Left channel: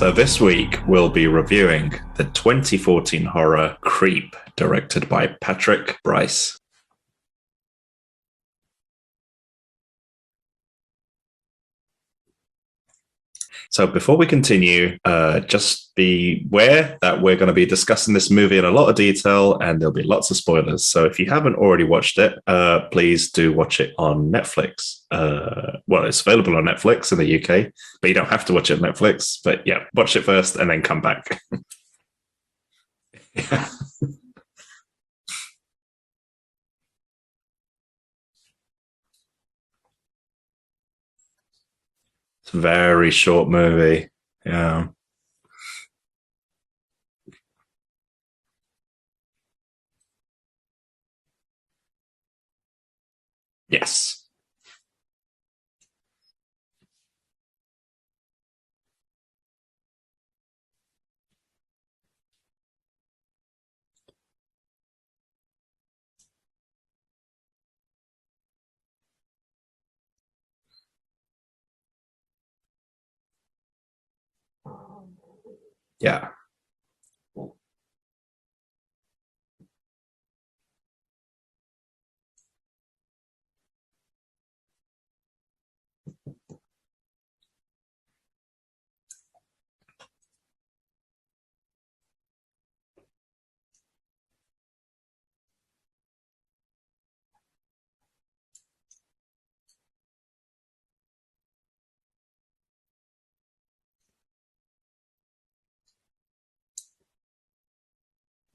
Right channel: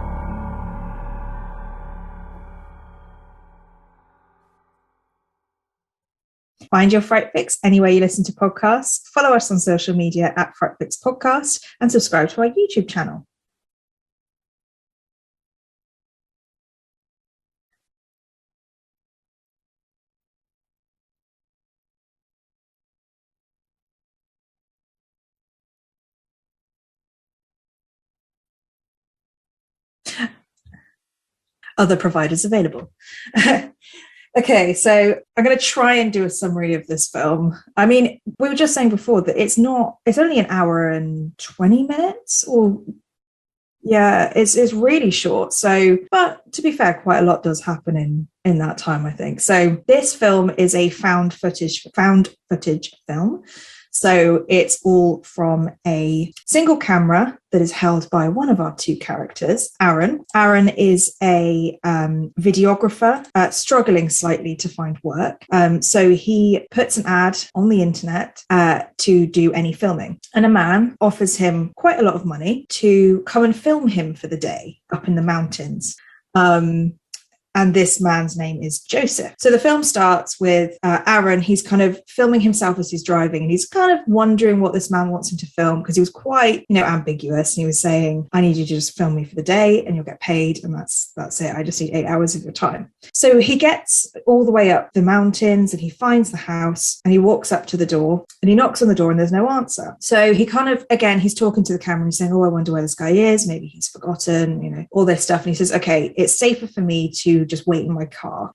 So this week we'll be reviewing the 2014 horror Creep, directed by Patrick Brice. Find your Fright Fix anywhere you listen to podcasts. Follow us on social media at Fright Fix Podcast and subscribe to our YouTube channel. So before we continue, just be aware that we're going to be discussing this movie in a lot of detail and there'll be lots of spoilers. So if you haven't already watched it, please do watch it on Netflix. Well, it's available on Netflix in the UK, but you don't have to watch it on Netflix. But yeah, watch it first and then come back. Other providers available. Okay, so I'm going to try and do a summary of this film. I mean, we were just saying before that it's only an hour and 20 minutes. Very short movie. Yeah, it's really short. So, but to be fair, quite a lot does happen in that time, I think. So this film is a found footage film. Yes. So it's all from a single camera that is held by one of our two characters, Aaron. Aaron is a videographer, struggling slightly to find work. So he puts an ad on the internet to do any filming. And a man offers him quite a lot of money to come and film him for the day up in the mountains. Yeah. And this man's name is Joseph. So the film starts with Aaron. He's kind of filming himself as he's driving, and he's kind of wondering what this man wants him to film, because he was quite, ambiguous. And he was saying, I need you to just film me for the day and you'll get paid. And that's it. I just need 8 hours of your time. So he gets all the way up the mountains and he finds the house and he walks up to the door and he knocks on the door and there's no answer. So he kind of, again, he's talking to the camera and he's saying, I wonder where this guy is. Maybe he's forgotten, all this stuff. And he says, okay, it's safer for me to just wait in my car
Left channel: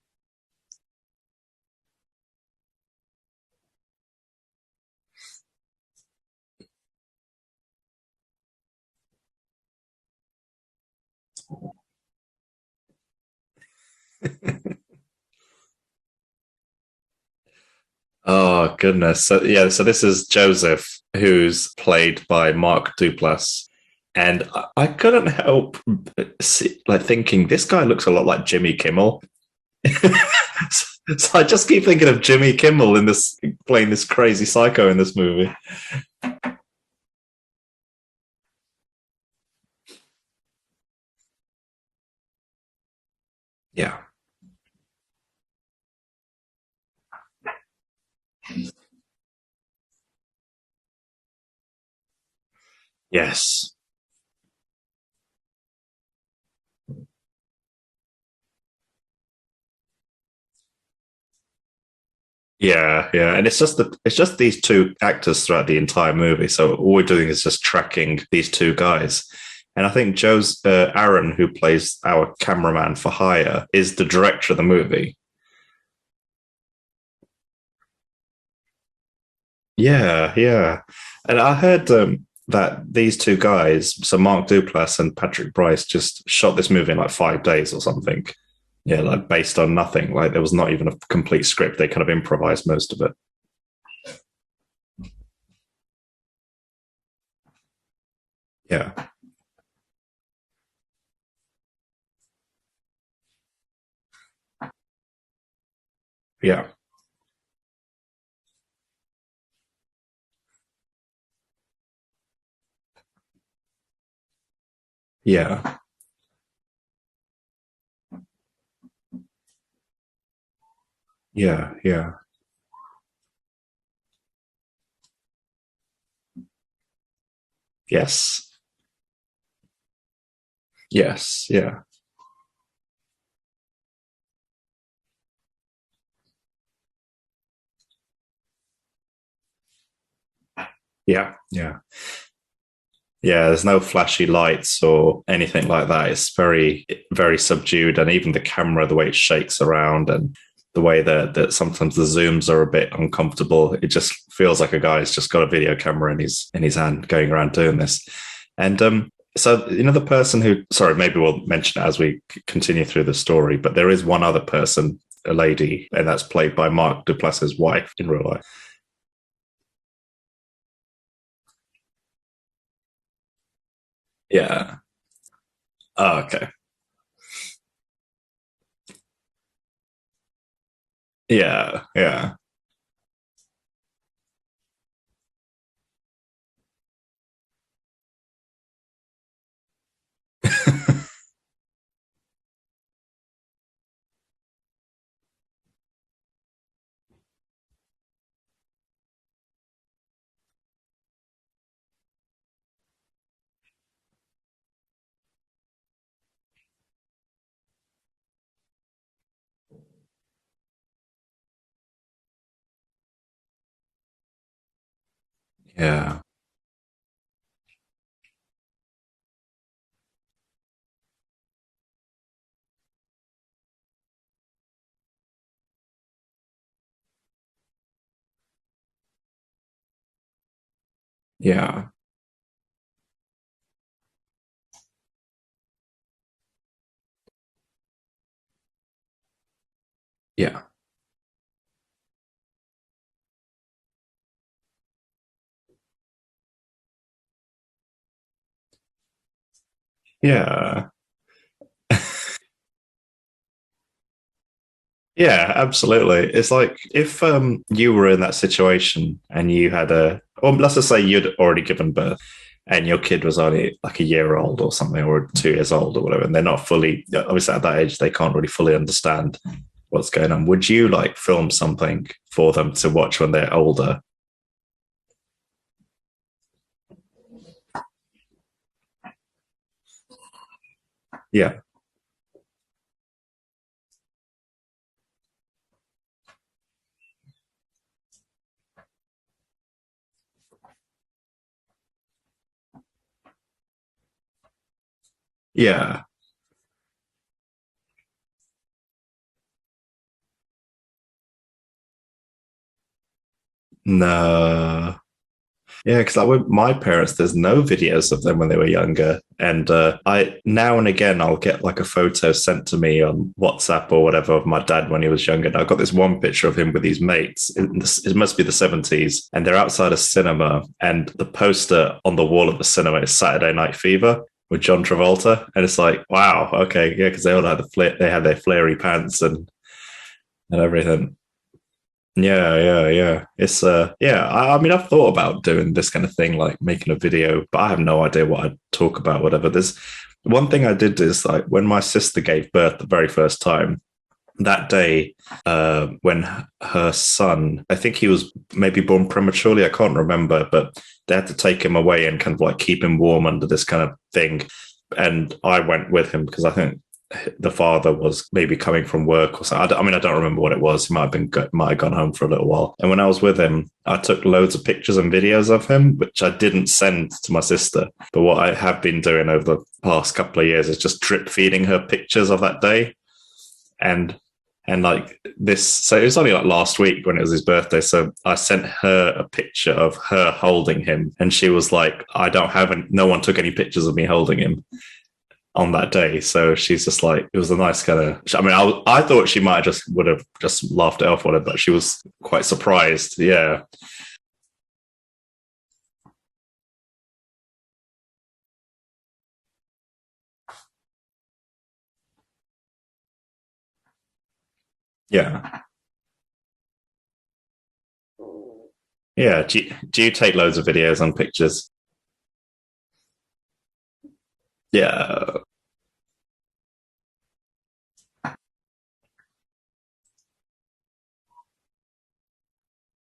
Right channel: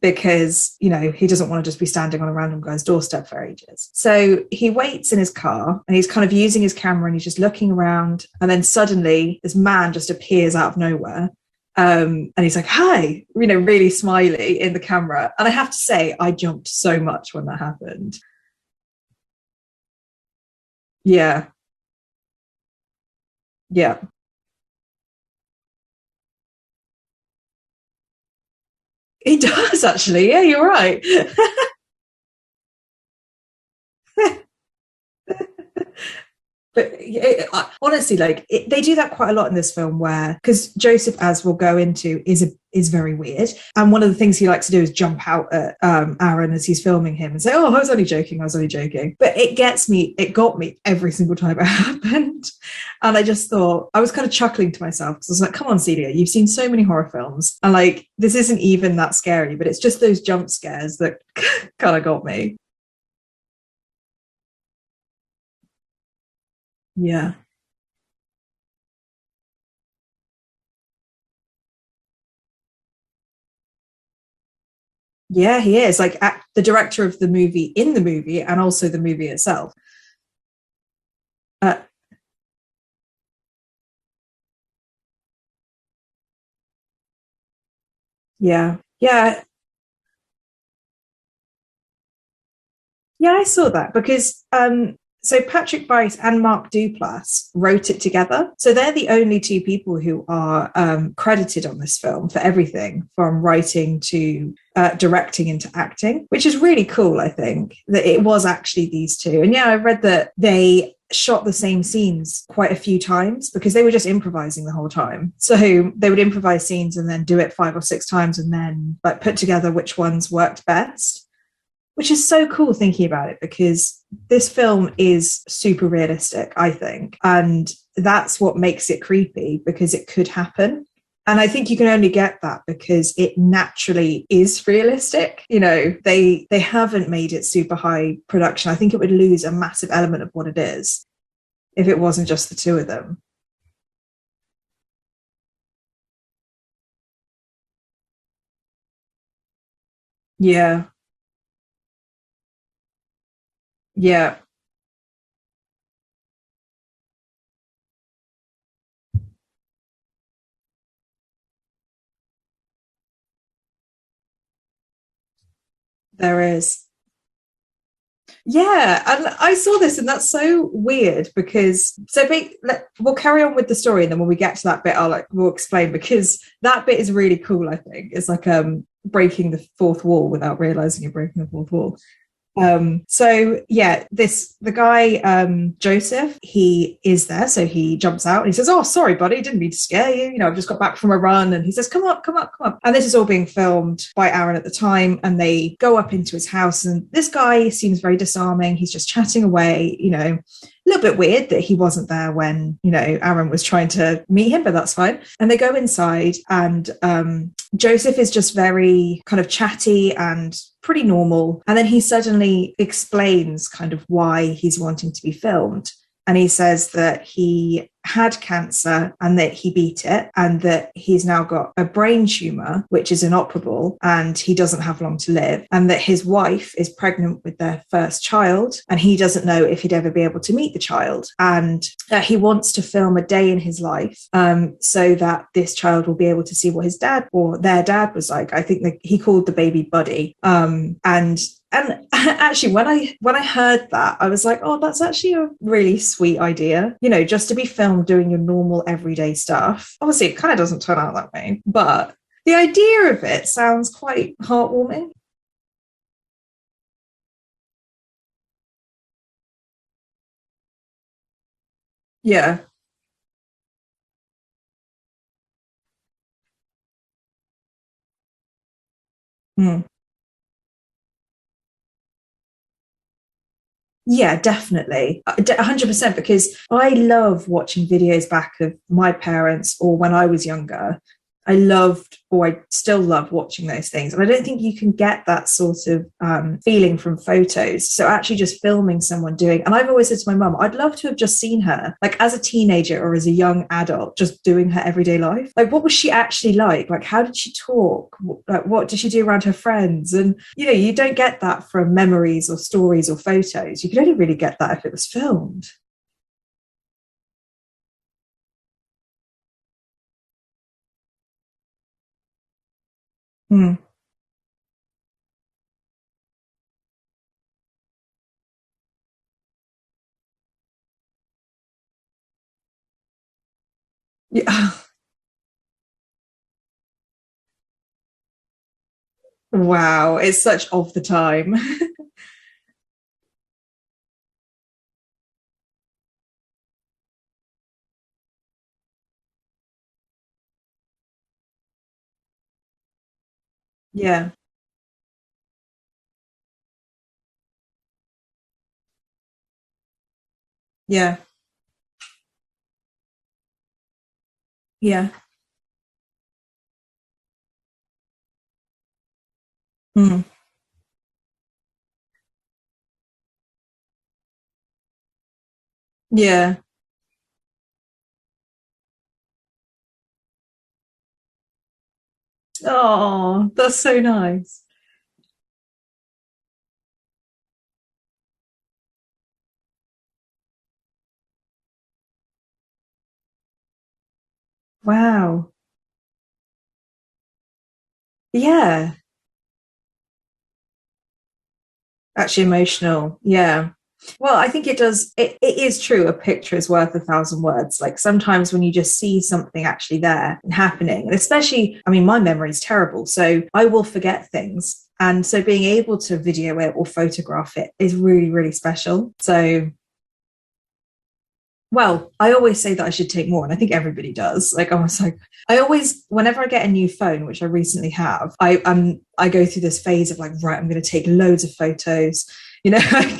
because he doesn't want to just be standing on a random guy's doorstep for ages. So he waits in his car and he's kind of using his camera and he's just looking around, and then suddenly this man just appears out of nowhere, and he's like, hi, really smiley in the camera. And I have to say, I jumped so much when that happened. Oh goodness. So this is Joseph, who's played by Mark Duplass. Yeah. And I couldn't help thinking, this guy looks a lot like Jimmy Kimmel. He does, actually. Yeah, you're right. So I just keep thinking of Jimmy Kimmel playing this crazy psycho in this movie. But honestly, they do that quite a lot in this film, where, because Joseph, as we'll go into, is very weird. And one of the things he likes to do is jump out at Aaron as he's filming him and say, oh, I was only joking. But it got me every single time it happened. And yes. I just thought, I was kind of chuckling to myself because I was like, come on, Celia, you've seen so many horror films. And this isn't even that scary, but it's just those jump scares that kind of got me. Yeah. And it's just these two actors throughout the entire movie. So all we're doing is just tracking these two guys. And I think Aaron, who plays our cameraman for hire, is the director of the movie. Yeah, he is. The director of the movie in the movie and also the movie itself. Yeah. And I heard that these two guys, so Mark Duplass and Patrick Brice, just shot this movie in 5 days or something. Yeah. Based on nothing. There was not even a complete script. They kind of improvised most of it. Yeah, I saw that because so Patrick Brice and Mark Duplass wrote it together. So they're the only two people who are credited on this film for everything from writing to directing into acting, which is really cool, I think, that it was actually these two. And I read that they shot the same scenes quite a few times because they were just improvising the whole time. So they would improvise scenes and then do it 5 or 6 times and then put together which ones worked best. Which is so cool thinking about it, because this film is super realistic, I think, and that's what makes it creepy, because it could happen. And I think you can only get that because it naturally is realistic. They haven't made it super high production. I think it would lose a massive element of what it is if it wasn't just the two of them. There's no flashy lights or anything like that. It's very, very subdued, and even the camera, the way it shakes around, and the way that sometimes the zooms are a bit uncomfortable. It just feels like a guy's just got a video camera in his hand going around doing this. And so the person who, sorry, maybe we'll mention it as we continue through the story, but there is one other person, a lady, and that's played by Mark Duplass's wife in real life. Yeah, and I saw this, and that's so weird because we'll carry on with the story, and then when we get to that bit, we'll explain, because that bit is really cool. I think it's breaking the fourth wall without realizing you're breaking the fourth wall. So yeah, the guy, Joseph, he is there. So he jumps out and he says, "Oh, sorry, buddy, didn't mean to scare you. You know, I've just got back from a run." And he says, "Come up, come up, come up." And this is all being filmed by Aaron at the time. And they go up into his house, and this guy seems very disarming. He's just chatting away, you know. A little bit weird that he wasn't there when, you know, Aaron was trying to meet him, but that's fine. And they go inside, and Joseph is just very kind of chatty and pretty normal. And then he suddenly explains kind of why he's wanting to be filmed. Yeah. And he says that he had cancer and that he beat it, and that he's now got a brain tumor, which is inoperable, and he doesn't have long to live, and that his wife is pregnant with their first child, and he doesn't know if he'd ever be able to meet the child. And he wants to film a day in his life so that this child will be able to see what his dad or their dad was like. I think that he called the baby Buddy. And actually, when I heard that, I was like, oh, that's actually a really sweet idea. You know, just to be filmed doing your normal everyday stuff. Obviously, it kind of doesn't turn out that way, but the idea of it sounds quite heartwarming. Yeah, absolutely. It's like if you were in that situation and you had well, let's just say you'd already given birth. Yeah. And your kid was only like a year old or something, or 2 years old or whatever. And they're not fully, obviously at that age, they can't really fully understand what's going on. Would you like film something for them to watch when they're older? Yeah, definitely. 100%, because I love watching videos back of my parents or when I was younger. Yeah. I still love watching those things. And I don't think you can get that sort of feeling from photos. So actually just filming someone doing, and I've always said to my mum, I'd love to have just seen her, like as a teenager or as a young adult, just doing her everyday life. Like, what was she actually like? Like, how did she talk? Like, what did she do around her friends? And, you know, you don't get that from memories or stories or photos. You don't really get that if it was filmed. Yeah, because like with my parents, there's no videos of them when they were younger. And I now and again, I'll get like a photo sent to me on WhatsApp or whatever of my dad when he was younger. And I got this one picture of him with his mates. It must be the 70s. And they're outside a cinema. And the poster on the wall of the cinema is Saturday Night Fever with John Travolta. And it's like, wow, okay. Yeah, because they all had they had their flary pants. And wow, it's such off the time. Yeah. It's I mean, I've thought about doing this kind of thing, like making a video, but I have no idea what I'd talk about, whatever. There's one thing I did is like when my sister gave birth the very first time. Yeah. That day, when her son, I think he was maybe born prematurely, I can't remember, but they had to take him away and kind of like keep him warm under this kind of thing. Yeah. And I went with him because I think the father was maybe coming from work or something. I don't remember what it was. He might have gone home for a little while. And when I was with him, I took loads of pictures and videos of him, which I didn't send to my sister. But what I have been doing over the past couple of years is just drip feeding her pictures of that day. Oh, that's so nice. And like this, so it was only like last week when it was his birthday. So I sent her a picture of her holding him. And she was like, no one took any pictures of me holding him. Wow. On that day. So she's just like, it was a nice kind of, I mean, I thought she might would have just laughed it off on it, but she was actually quite surprised. Yeah. Well, I think it does. It is true. A picture is worth 1,000 words. Like sometimes when you just see something actually there and happening, and especially, I mean, my memory is terrible, so I will forget things. And so being able to video it or photograph it is really, really special. Yeah. So, do you take loads of videos and pictures? Well, I always say that I should take more, and I think everybody does. Like, I always, whenever I get a new phone, which I recently have, I go through this phase of like, right, I'm going to take loads of photos. You know, I'm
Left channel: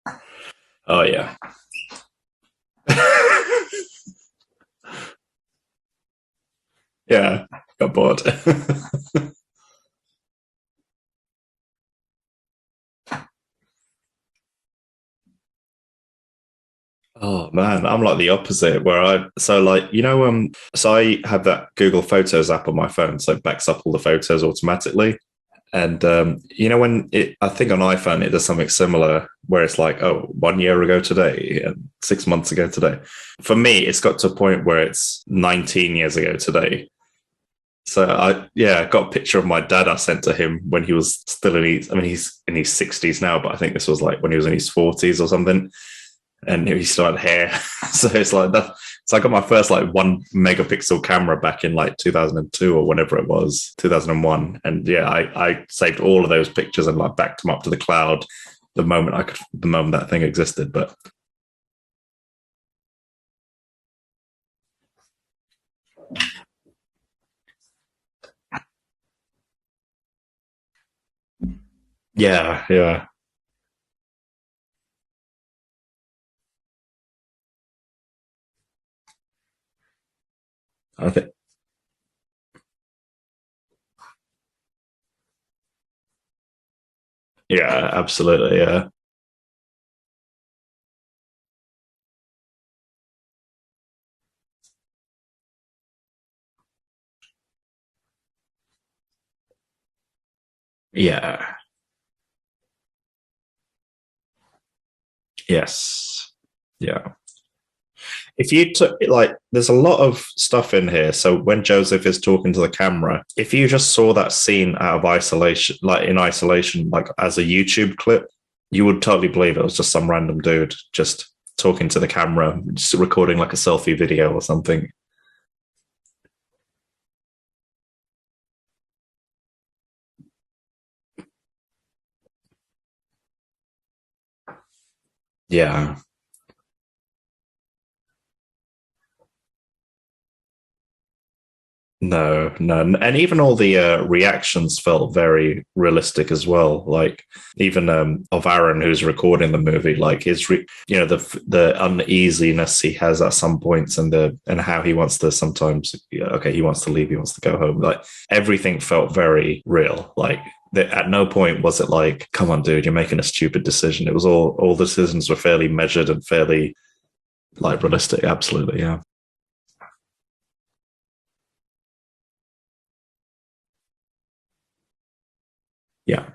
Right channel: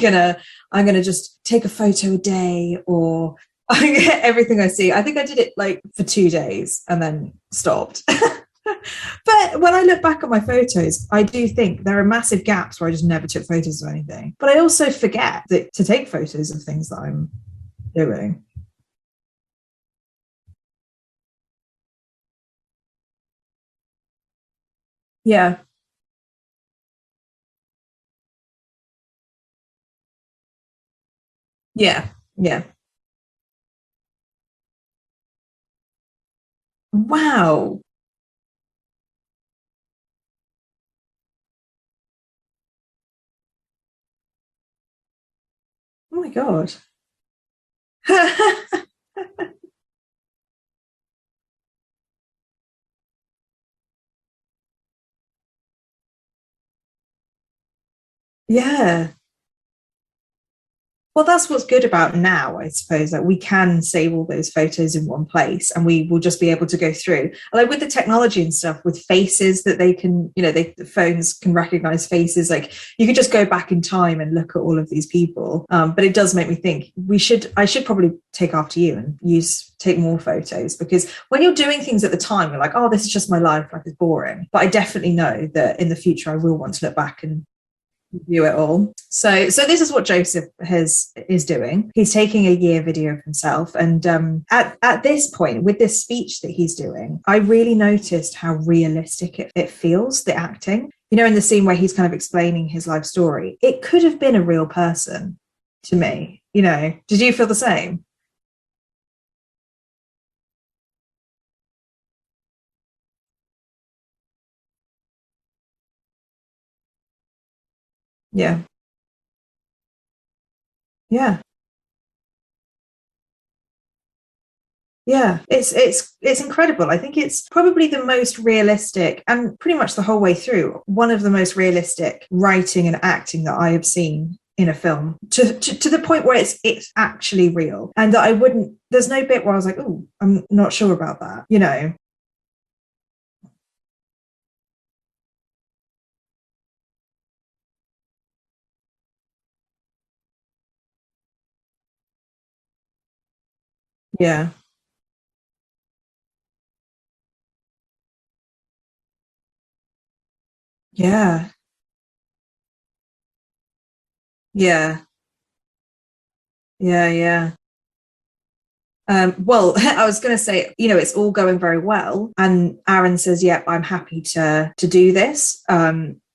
gonna just take a photo a day, or I get everything I see. I think I did it like for 2 days and then stopped. But when I look back at my photos, I do think there are massive gaps where I just never took photos of anything. But I also forget to take photos of things that I'm. Oh man, I'm like the opposite. Where so I have that Google Photos app on my phone, so it backs up all the photos automatically. Yeah. And when I think on iPhone it does something similar, where it's like, 1 year ago today, 6 months ago today. For me, it's got to a point where it's 19 years ago today. Wow. So I got a picture of my dad I sent to him when he was still he's in his 60s now, but I think this was like when he was in his 40s or something. Oh my God. And he still had hair. So it's like that. So I got my first like 1 megapixel camera back in like 2002 or whenever it was, 2001. And yeah, I saved all of those pictures and like backed them up to the cloud. Yeah. The moment that thing existed. But well, that's what's good about now, I suppose, that we can save all those photos in one place and we will just be able to go through. Like with the technology and stuff, with faces that they can, the phones can recognize faces. You could just go back in time and look at all of these people. But it does make me think I should probably take after you and take more photos, because when you're doing things at the time, you're like, oh, this is just my life, like it's boring. But I definitely know that in the future I will want to look back and absolutely. All. So this is what Joseph is doing. He's taking a year video of himself, and at this point with this speech that he's doing, I really noticed how realistic it feels, the acting. In the scene where he's kind of explaining his life story, it could have been a real person. Yes. To me. Did you feel the same? If you took there's a lot of stuff in here. So when Joseph is talking to the camera, if you just saw that scene out of isolation, like as a YouTube clip, you would totally believe it was just some random dude just talking to the camera, just recording like a selfie video or something. Yeah, it's incredible. I think it's probably the most realistic, and pretty much the whole way through, one of the most realistic writing and acting that I have seen in a film, to the point where it's actually real, and that there's no bit where I was like, oh, I'm not sure about that, No. And even all the reactions felt very realistic as well. Like even of Aaron, who's recording the movie, like his, the uneasiness he has at some points, and and how he wants to sometimes, he wants to leave, he wants to go home. Like everything felt very real. Like at no point was it like, come on, dude, you're making a stupid decision. It was all the decisions were fairly measured and fairly like realistic. Absolutely. Well, I was going to say, it's all going very well, and Aaron says, yep, I'm happy to do this.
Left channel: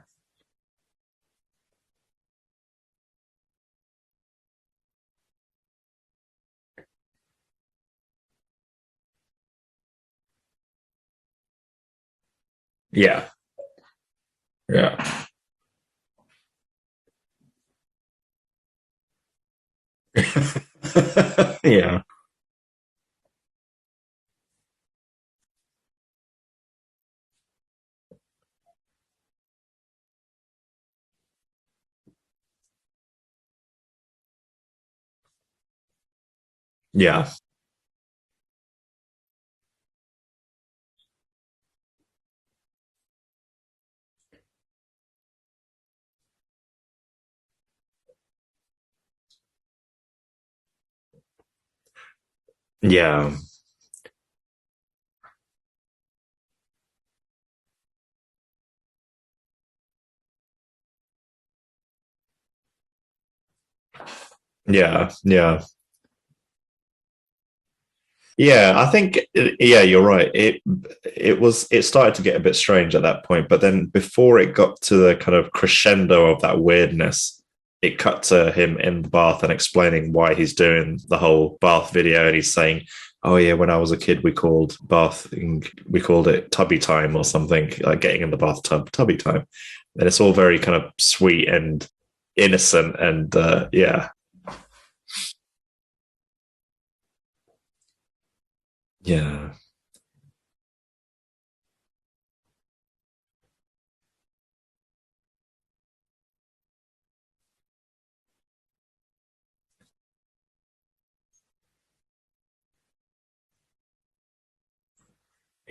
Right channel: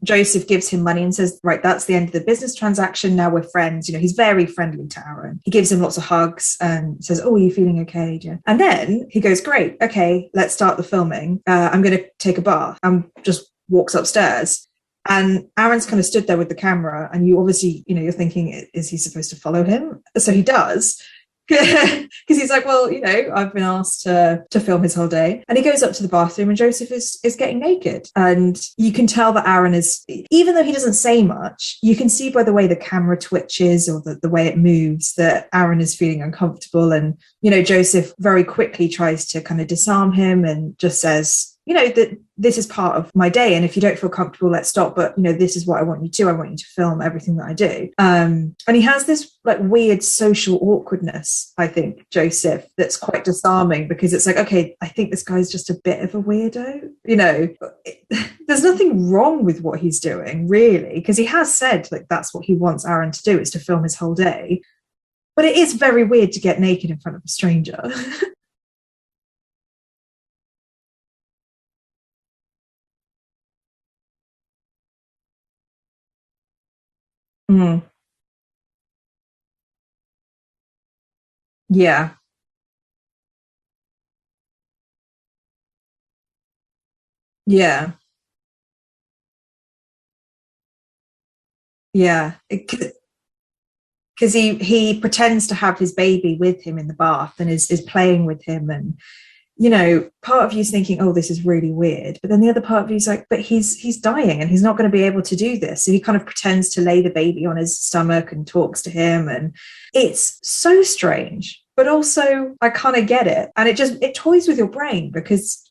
Joseph gives him money and says, right, that's the end of the business transaction, now we're friends. He's very friendly to Aaron. He gives him lots of hugs and says, oh, are you feeling okay? And then he goes, great, okay, let's start the filming. I'm going to take a bath. Just walks upstairs, and Aaron's kind of stood there with the camera, and you obviously, you're thinking, is he supposed to follow him? So he does, because he's like, well, I've been asked to film his whole day, and he goes up to the bathroom, and Joseph is getting naked, and you can tell that Aaron is, even though he doesn't say much, you can see by the way the camera twitches or the way it moves that Aaron is feeling uncomfortable, and Joseph very quickly tries to kind of disarm him and just says, that this is part of my day, and if you don't feel comfortable, let's stop, but this is what I want you to film everything that I do. And he has this like weird social awkwardness, I think, Joseph, that's quite disarming, because it's like, okay, I think this guy's just a bit of a weirdo. There's nothing wrong with what he's doing, really, because he has said like that's what he wants Aaron to do, is to film his whole day. But it is very weird to get naked in front of a stranger. I think you're right. It started to get a bit strange at that point, but then before it got to the kind of crescendo of that weirdness, it cut to him in the bath and explaining why he's doing the whole bath video, and he's saying, oh yeah, when I was a kid, we called it tubby time or something, like getting in the bathtub, tubby time. And it's all very kind of sweet and innocent, and because he pretends to have his baby with him in the bath and is playing with him, and part of you's thinking, oh, this is really weird, but then the other part of you's like, but he's dying and he's not going to be able to do this, so he kind of pretends to lay the baby on his stomach and talks to him, and it's so strange. But also, I kind of get it. And it toys with your brain, because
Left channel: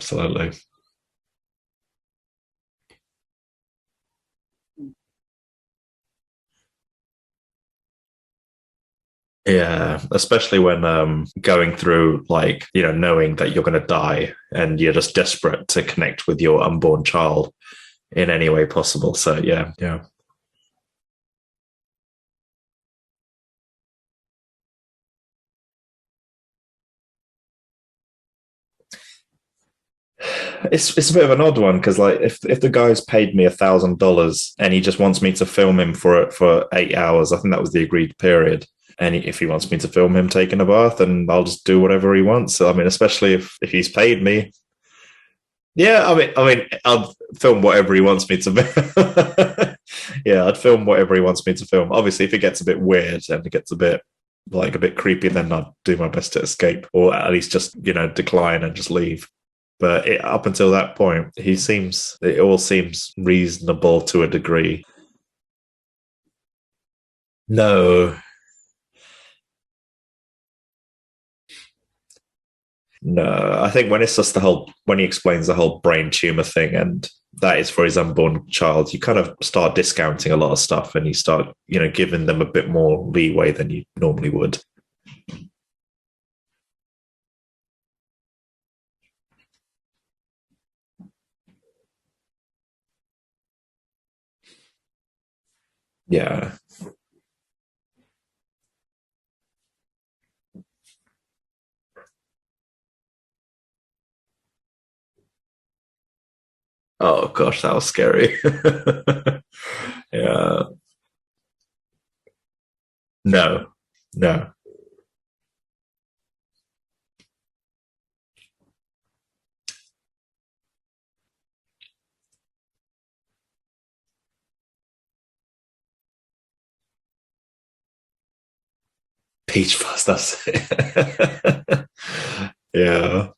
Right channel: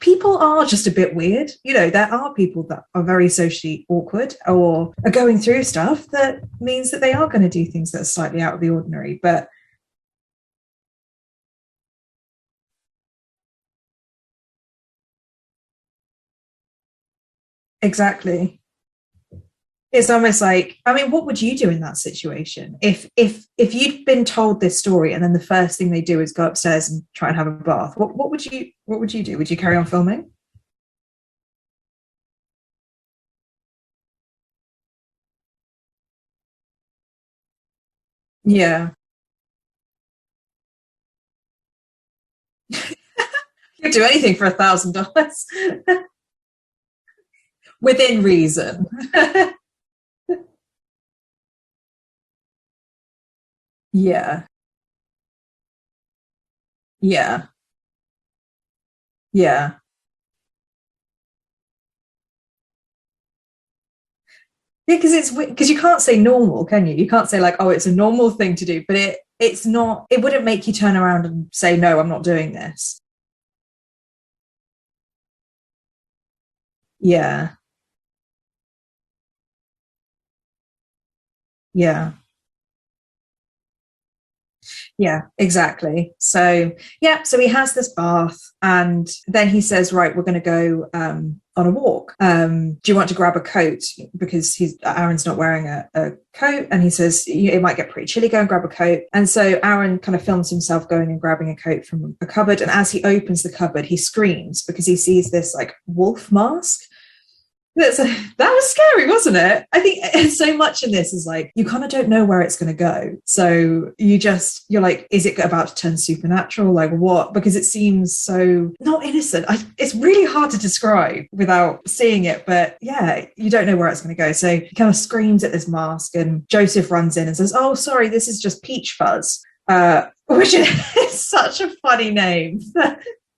people are just a bit weird. There are people that are very socially awkward or are going through stuff that means that they are going to do things that are slightly out of the ordinary. But especially when going through, like, knowing that you're going to die and you're just desperate to connect with your unborn child. Exactly. In any way possible. So it's almost like, I mean, what would you do in that situation if you'd been told this story and then the first thing they do is go upstairs and try and have a bath? What would you do? Would you carry on filming? It's a bit of an odd one, because like if the guy's paid me $1,000 and he just wants me to film him for 8 hours, I think that was the agreed period. And if he wants me to film him taking a bath, then I'll just do whatever he wants. I mean, especially if he's do anything for $1,000. I mean, I'll film whatever he wants me to. Yeah, I'd film whatever he wants me to film. Obviously, if it gets a bit weird and it gets a bit like a bit creepy, then I'd do my best to escape, or at least just decline and just leave. Yeah. But up until that point, it all seems reasonable to a degree. Yeah, because you can't say normal, can you? You can't say like, oh, it's a normal thing to do, but it's not, it wouldn't make you turn around and say, no, I'm not doing this. No, I think when it's just when he explains the whole brain tumor thing, and that is for his unborn child, you kind of start discounting a lot of stuff, and you start, giving them a bit more leeway than you normally would. Yeah, exactly. So he has this bath, and then he says, right, we're going to go on a walk. Do you want to grab a coat? Because Aaron's not wearing a coat, and he says it might get pretty chilly, go and grab a coat. And so Aaron kind of films himself going and grabbing a coat from a cupboard, and as he opens the cupboard, he screams because he sees this like wolf mask. Oh gosh, that was scary. That was scary, wasn't it? I think so much in this is like you kind of don't know where it's going to go. No. So you're like, is it about to turn supernatural? Like what? Because it seems so not innocent. It's really hard to describe without seeing it, but you don't know where it's going to go. So he kind of screams at this mask, and Joseph runs in and says, oh, sorry, this is just Peach Fuzz. Peach Fuzz, which is such a funny name. Yeah.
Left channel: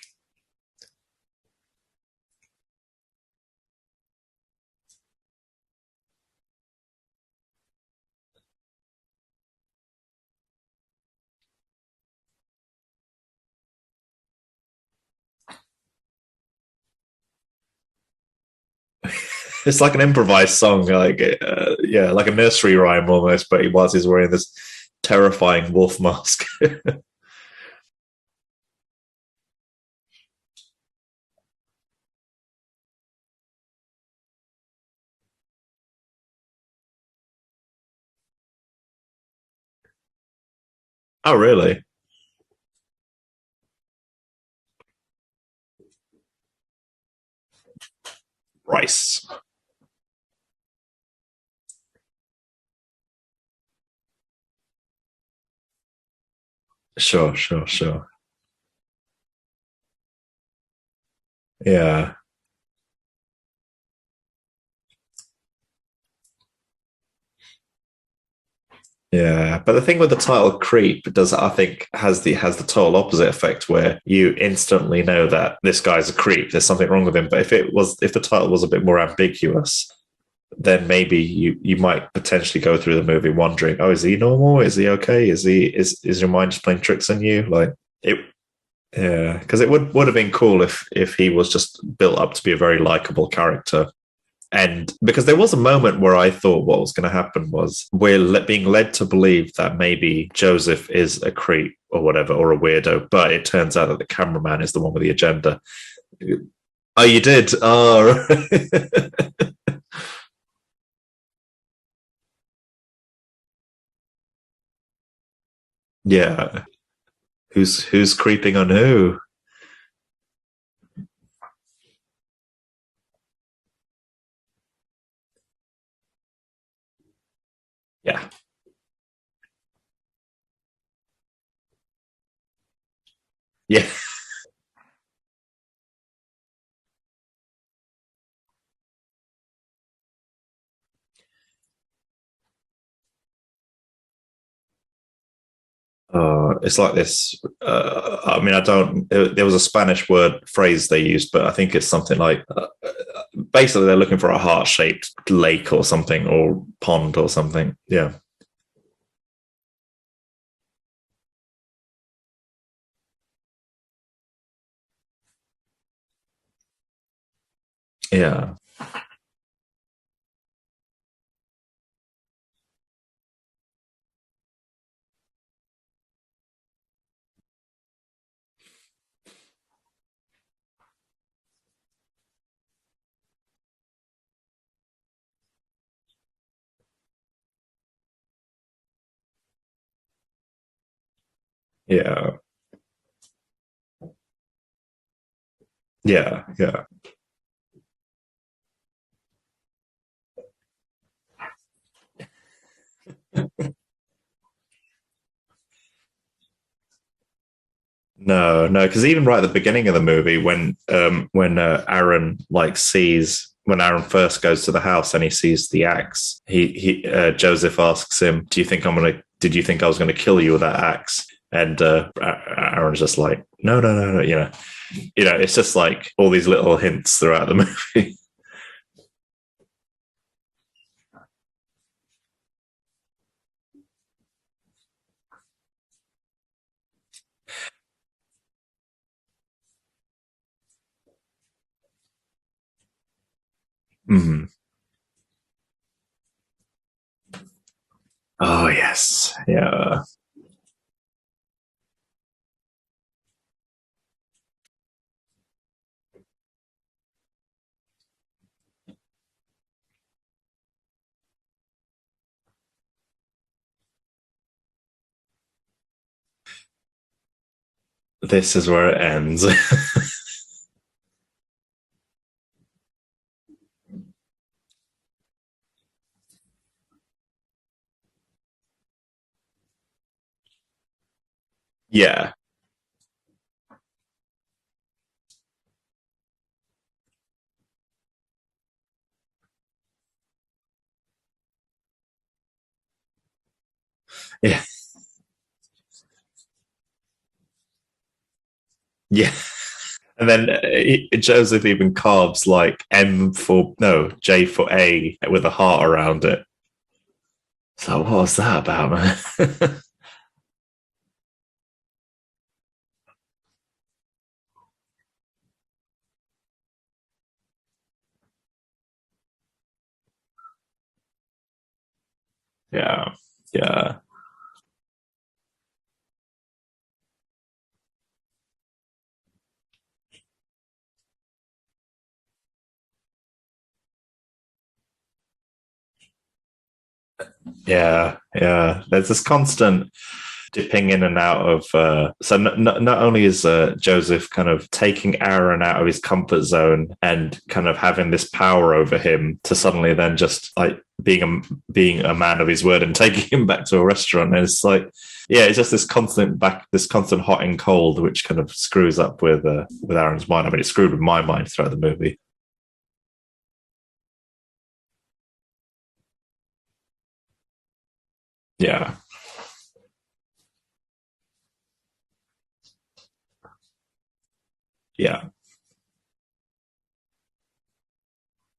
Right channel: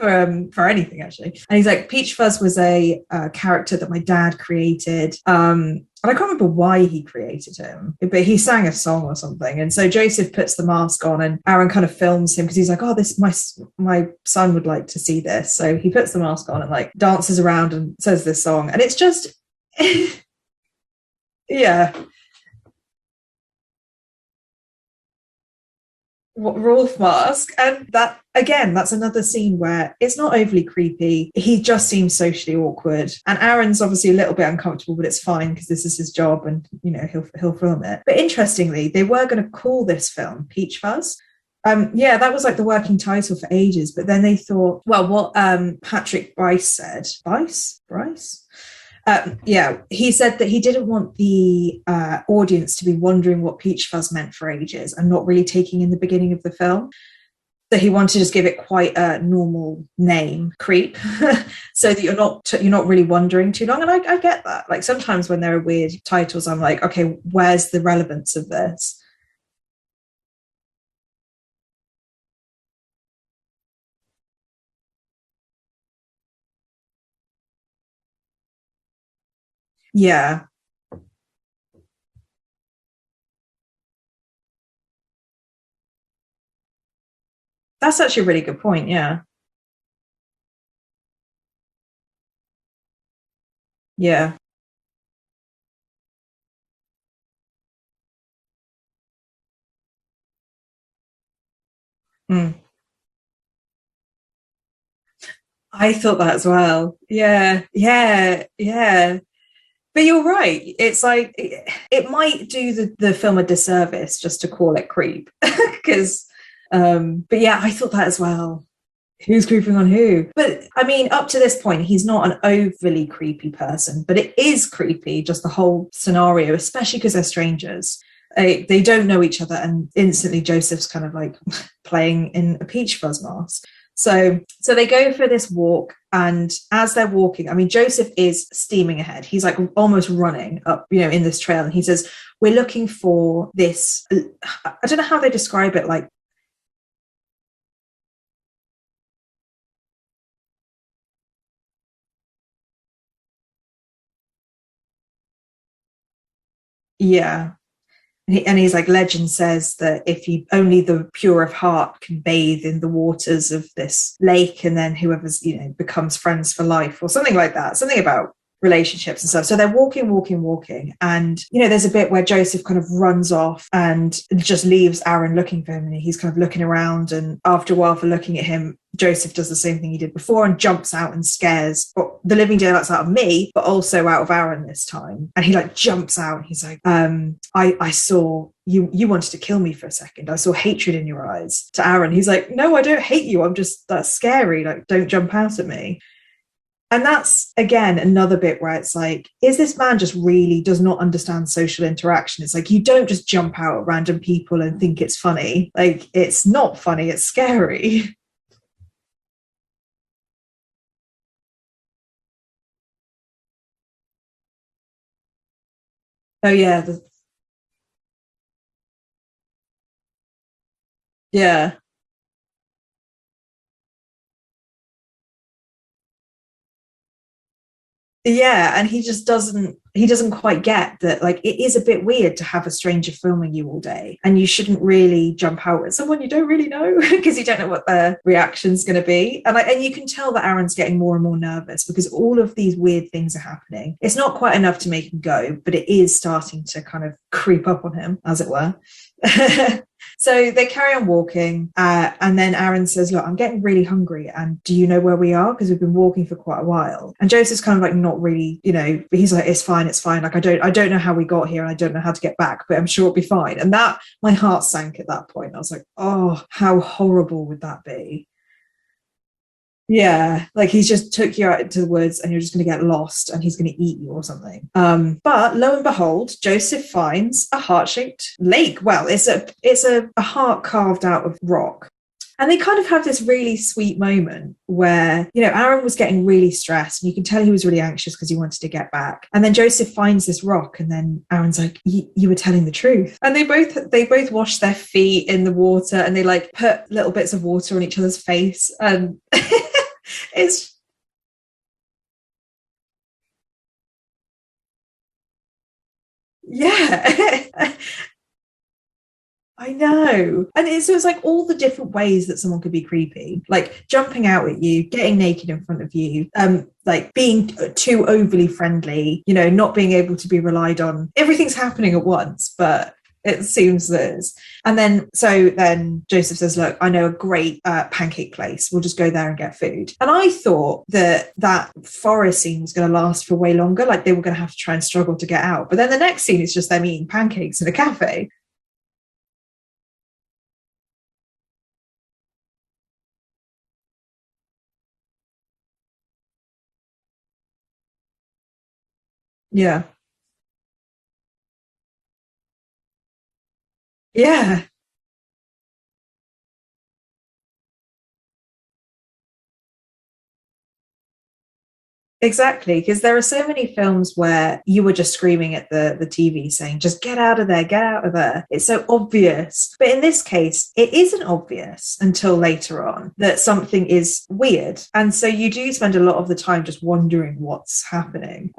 For anything, actually. And he's like, Peach Fuzz was a character that my dad created. And I can't remember why he created him, but he sang a song or something. And so Joseph puts the mask on, and Aaron kind of films him because he's like, oh, this my son would like to see this. So he puts the mask on and like dances around and says this song. And it's just... it's like an improvised song, like like a nursery rhyme almost, but whilst he's wearing this terrifying wolf mask. And that, again, that's another scene where it's not overly creepy. He just seems socially awkward, and Aaron's obviously a little bit uncomfortable, but it's fine because this is his job, and he'll film it. But interestingly, they were going to call this film Peach Fuzz. Oh really? That was like the working title for ages, but then they thought, well, what Patrick Brice said, Brice, he said that he didn't want the audience to be wondering what Peach Fuzz meant for ages and not really taking in the beginning of the film. Sure. So he wanted to just give it quite a normal name, Creep, so that you're not really wondering too long. And I get that. Like sometimes when there are weird titles, I'm like, okay, where's the relevance of this? Yeah, but the thing with the title Creep I think has the total opposite effect, where you instantly know that this guy's a creep. There's something wrong with him. But if the title was a bit more ambiguous, then maybe you might potentially go through the movie wondering, oh, is he normal? Is he okay? Is your mind just playing tricks on you? Like that's actually a really good point. Yeah, because it would have been cool if he was just built up to be a very likable character. Yeah, and because there was a moment where I thought what was going to happen was we're being led to believe that maybe Joseph is a creep or whatever, or a weirdo, but it turns out that the cameraman is the one with the agenda. I thought that as well. Oh, you did? Oh. Yeah. But you're right. It's like it might do the film a disservice just to call it Creep. Because but yeah, who's creeping on who? Who's creeping on who? But I mean, up to this point, he's not an overly creepy person, but it is creepy, just the whole scenario, especially because they're strangers. Yeah, they don't know each other, and instantly Joseph's kind of like playing in a Peach Fuzz mask. Yeah. So they go for this walk, and as they're walking, I mean, Joseph is steaming ahead. He's like almost running up, in this trail, and he says, we're looking for this, I don't know how they describe it, like it's like this there was a Spanish phrase they used, but I think it's something like basically they're looking for a heart-shaped lake or something, or pond or something. And he's like, legend says that if only the pure of heart can bathe in the waters of this lake, and then whoever's becomes friends for life, or something like that, something about relationships and stuff. So they're walking, and there's a bit where Joseph kind of runs off and just leaves Aaron looking for him, and he's kind of looking around, and after a while, for looking at him, Joseph does the same thing he did before and jumps out and scares the living daylights out of me, but also out of Aaron this time. And he like jumps out and he's like, I saw you wanted to kill me for a second. I saw hatred in your eyes, to Aaron. Yeah. He's like, no, I don't hate you. That's scary. Like, don't jump out at me. Yeah. And that's, again, another bit where it's like, is this man just really does not understand social interaction? It's like, you don't just jump out at random people and think it's funny. Like, it's not funny. It's scary. No, because even right at the beginning of the movie, when Aaron like sees when Aaron first goes to the house and he sees the axe, Joseph asks him, did you think I was going to kill you with that axe? Yeah. And Aaron's just like, no, it's just like all these little hints throughout the movie. Yeah, and he doesn't quite get that, like, it is a bit weird to have a stranger filming you all day, and you shouldn't really jump out at someone you don't really know because you don't know what their reaction's going to be. And you can tell that Aaron's getting more and more nervous because all of these weird things are happening. It's not quite enough to make him go, but it is starting to kind of creep up on him as it were. Oh, yes. Yeah. So they carry on walking, and then Aaron says, look, I'm getting really hungry, and do you know where we are? Because we've been walking for quite a while. And Joseph's kind of like not really, but he's like, it's fine. Like, I don't know how we got here, and I don't know how to get back, but I'm sure it'll be fine. And that, my heart sank at that point. I was like, oh, how horrible would that be? This is where it ends. Yeah, like he's just took you out into the woods and you're just going to get lost and he's going to eat you or something. But lo and behold, Joseph finds a heart-shaped lake. Well, it's a heart carved out of rock. Yeah. And they kind of have this really sweet moment where, Aaron was getting really stressed and you can tell he was really anxious because he wanted to get back. And then Joseph finds this rock and then Aaron's like, you were telling the truth. And they both wash their feet in the water and they like put little bits of water on each other's face. And yeah. And then Joseph even carves like J for A with a heart around it. Yeah. So what was that about, man? I know. And it's like all the different ways that someone could be creepy, like jumping out at you, getting naked in front of you, like being too overly friendly, not being able to be relied on. Everything's happening at once, but it seems that is. And then Joseph says, look, I know a great pancake place. We'll just go there and get food. And I thought that forest scene was going to last for way longer. Like they were going to have to try and struggle to get out. But then the next scene is just them eating pancakes in a cafe. Yeah, there's this constant dipping in and out of so not only is Joseph kind of taking Aaron out of his comfort zone and kind of having this power over him to suddenly then just like being a man of his word and taking him back to a restaurant. It's like it's just this constant hot and cold, which kind of screws up with Aaron's mind. I mean, it screwed with my mind throughout the movie. Exactly, because there are so many films where you were just screaming at the TV saying, just get out of there, get out of there. It's so obvious. But in this case, it isn't obvious until later on that something is weird. And so you do spend a lot of the time just wondering what's happening.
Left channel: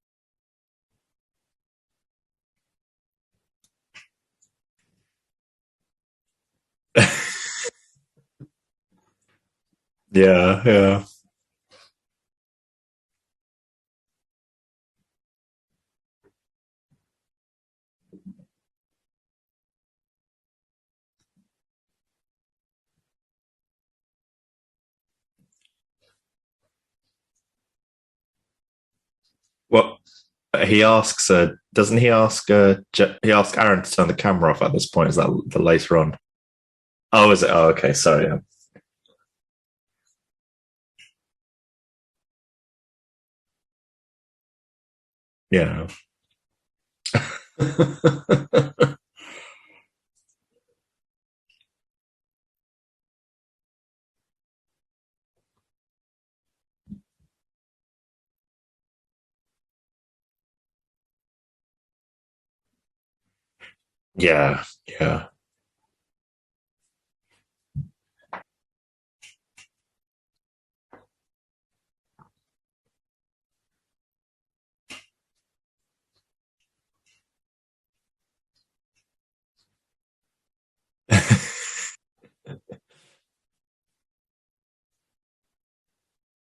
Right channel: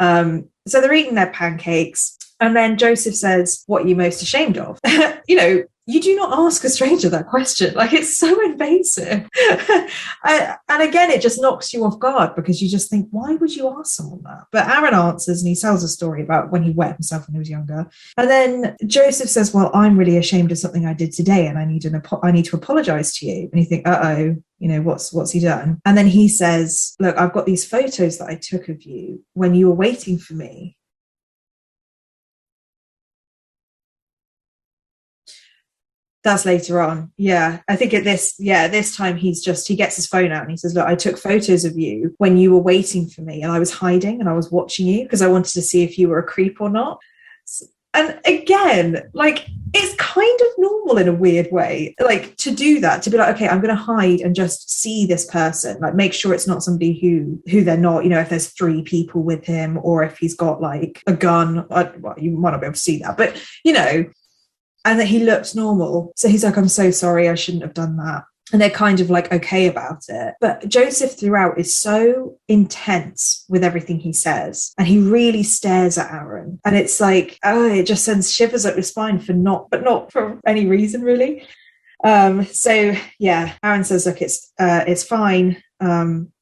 So they're eating their pancakes. And then Joseph says, what are you most ashamed of? You do not ask a stranger that question. Like, it's so invasive. And again, it just knocks you off guard because you just think, why would you ask someone that? But Aaron answers and he tells a story about when he wet himself when he was younger. And then Joseph says, well, I'm really ashamed of something I did today and I need to apologize to you. And you think, uh-oh. What's he done? And then he says, look, I've got these photos that I took of you when you were waiting for me. He asks, doesn't he ask Aaron to turn the camera off at this point? Is that later on? That's later on. Oh, is it? Oh, okay. I think this time he gets his phone out and he says, look, I took photos of you when you were waiting for me and I was hiding and I was watching you because I wanted to see if you were a creep or not. And again, like, it's kind of normal in a weird way, like to do that, to be like, okay, I'm going to hide and just see this person, like make sure it's not somebody who they're not, if there's 3 people with him or if he's got like a gun, well, you might not be able to see that, but and that he looks normal. So he's like, I'm so sorry, I shouldn't have done that. And they're kind of like okay about it. But Joseph throughout is so intense with everything he says. And he really stares at Aaron. And it's like, it just sends shivers up your spine but not for any reason, really. Aaron says, look, it's fine.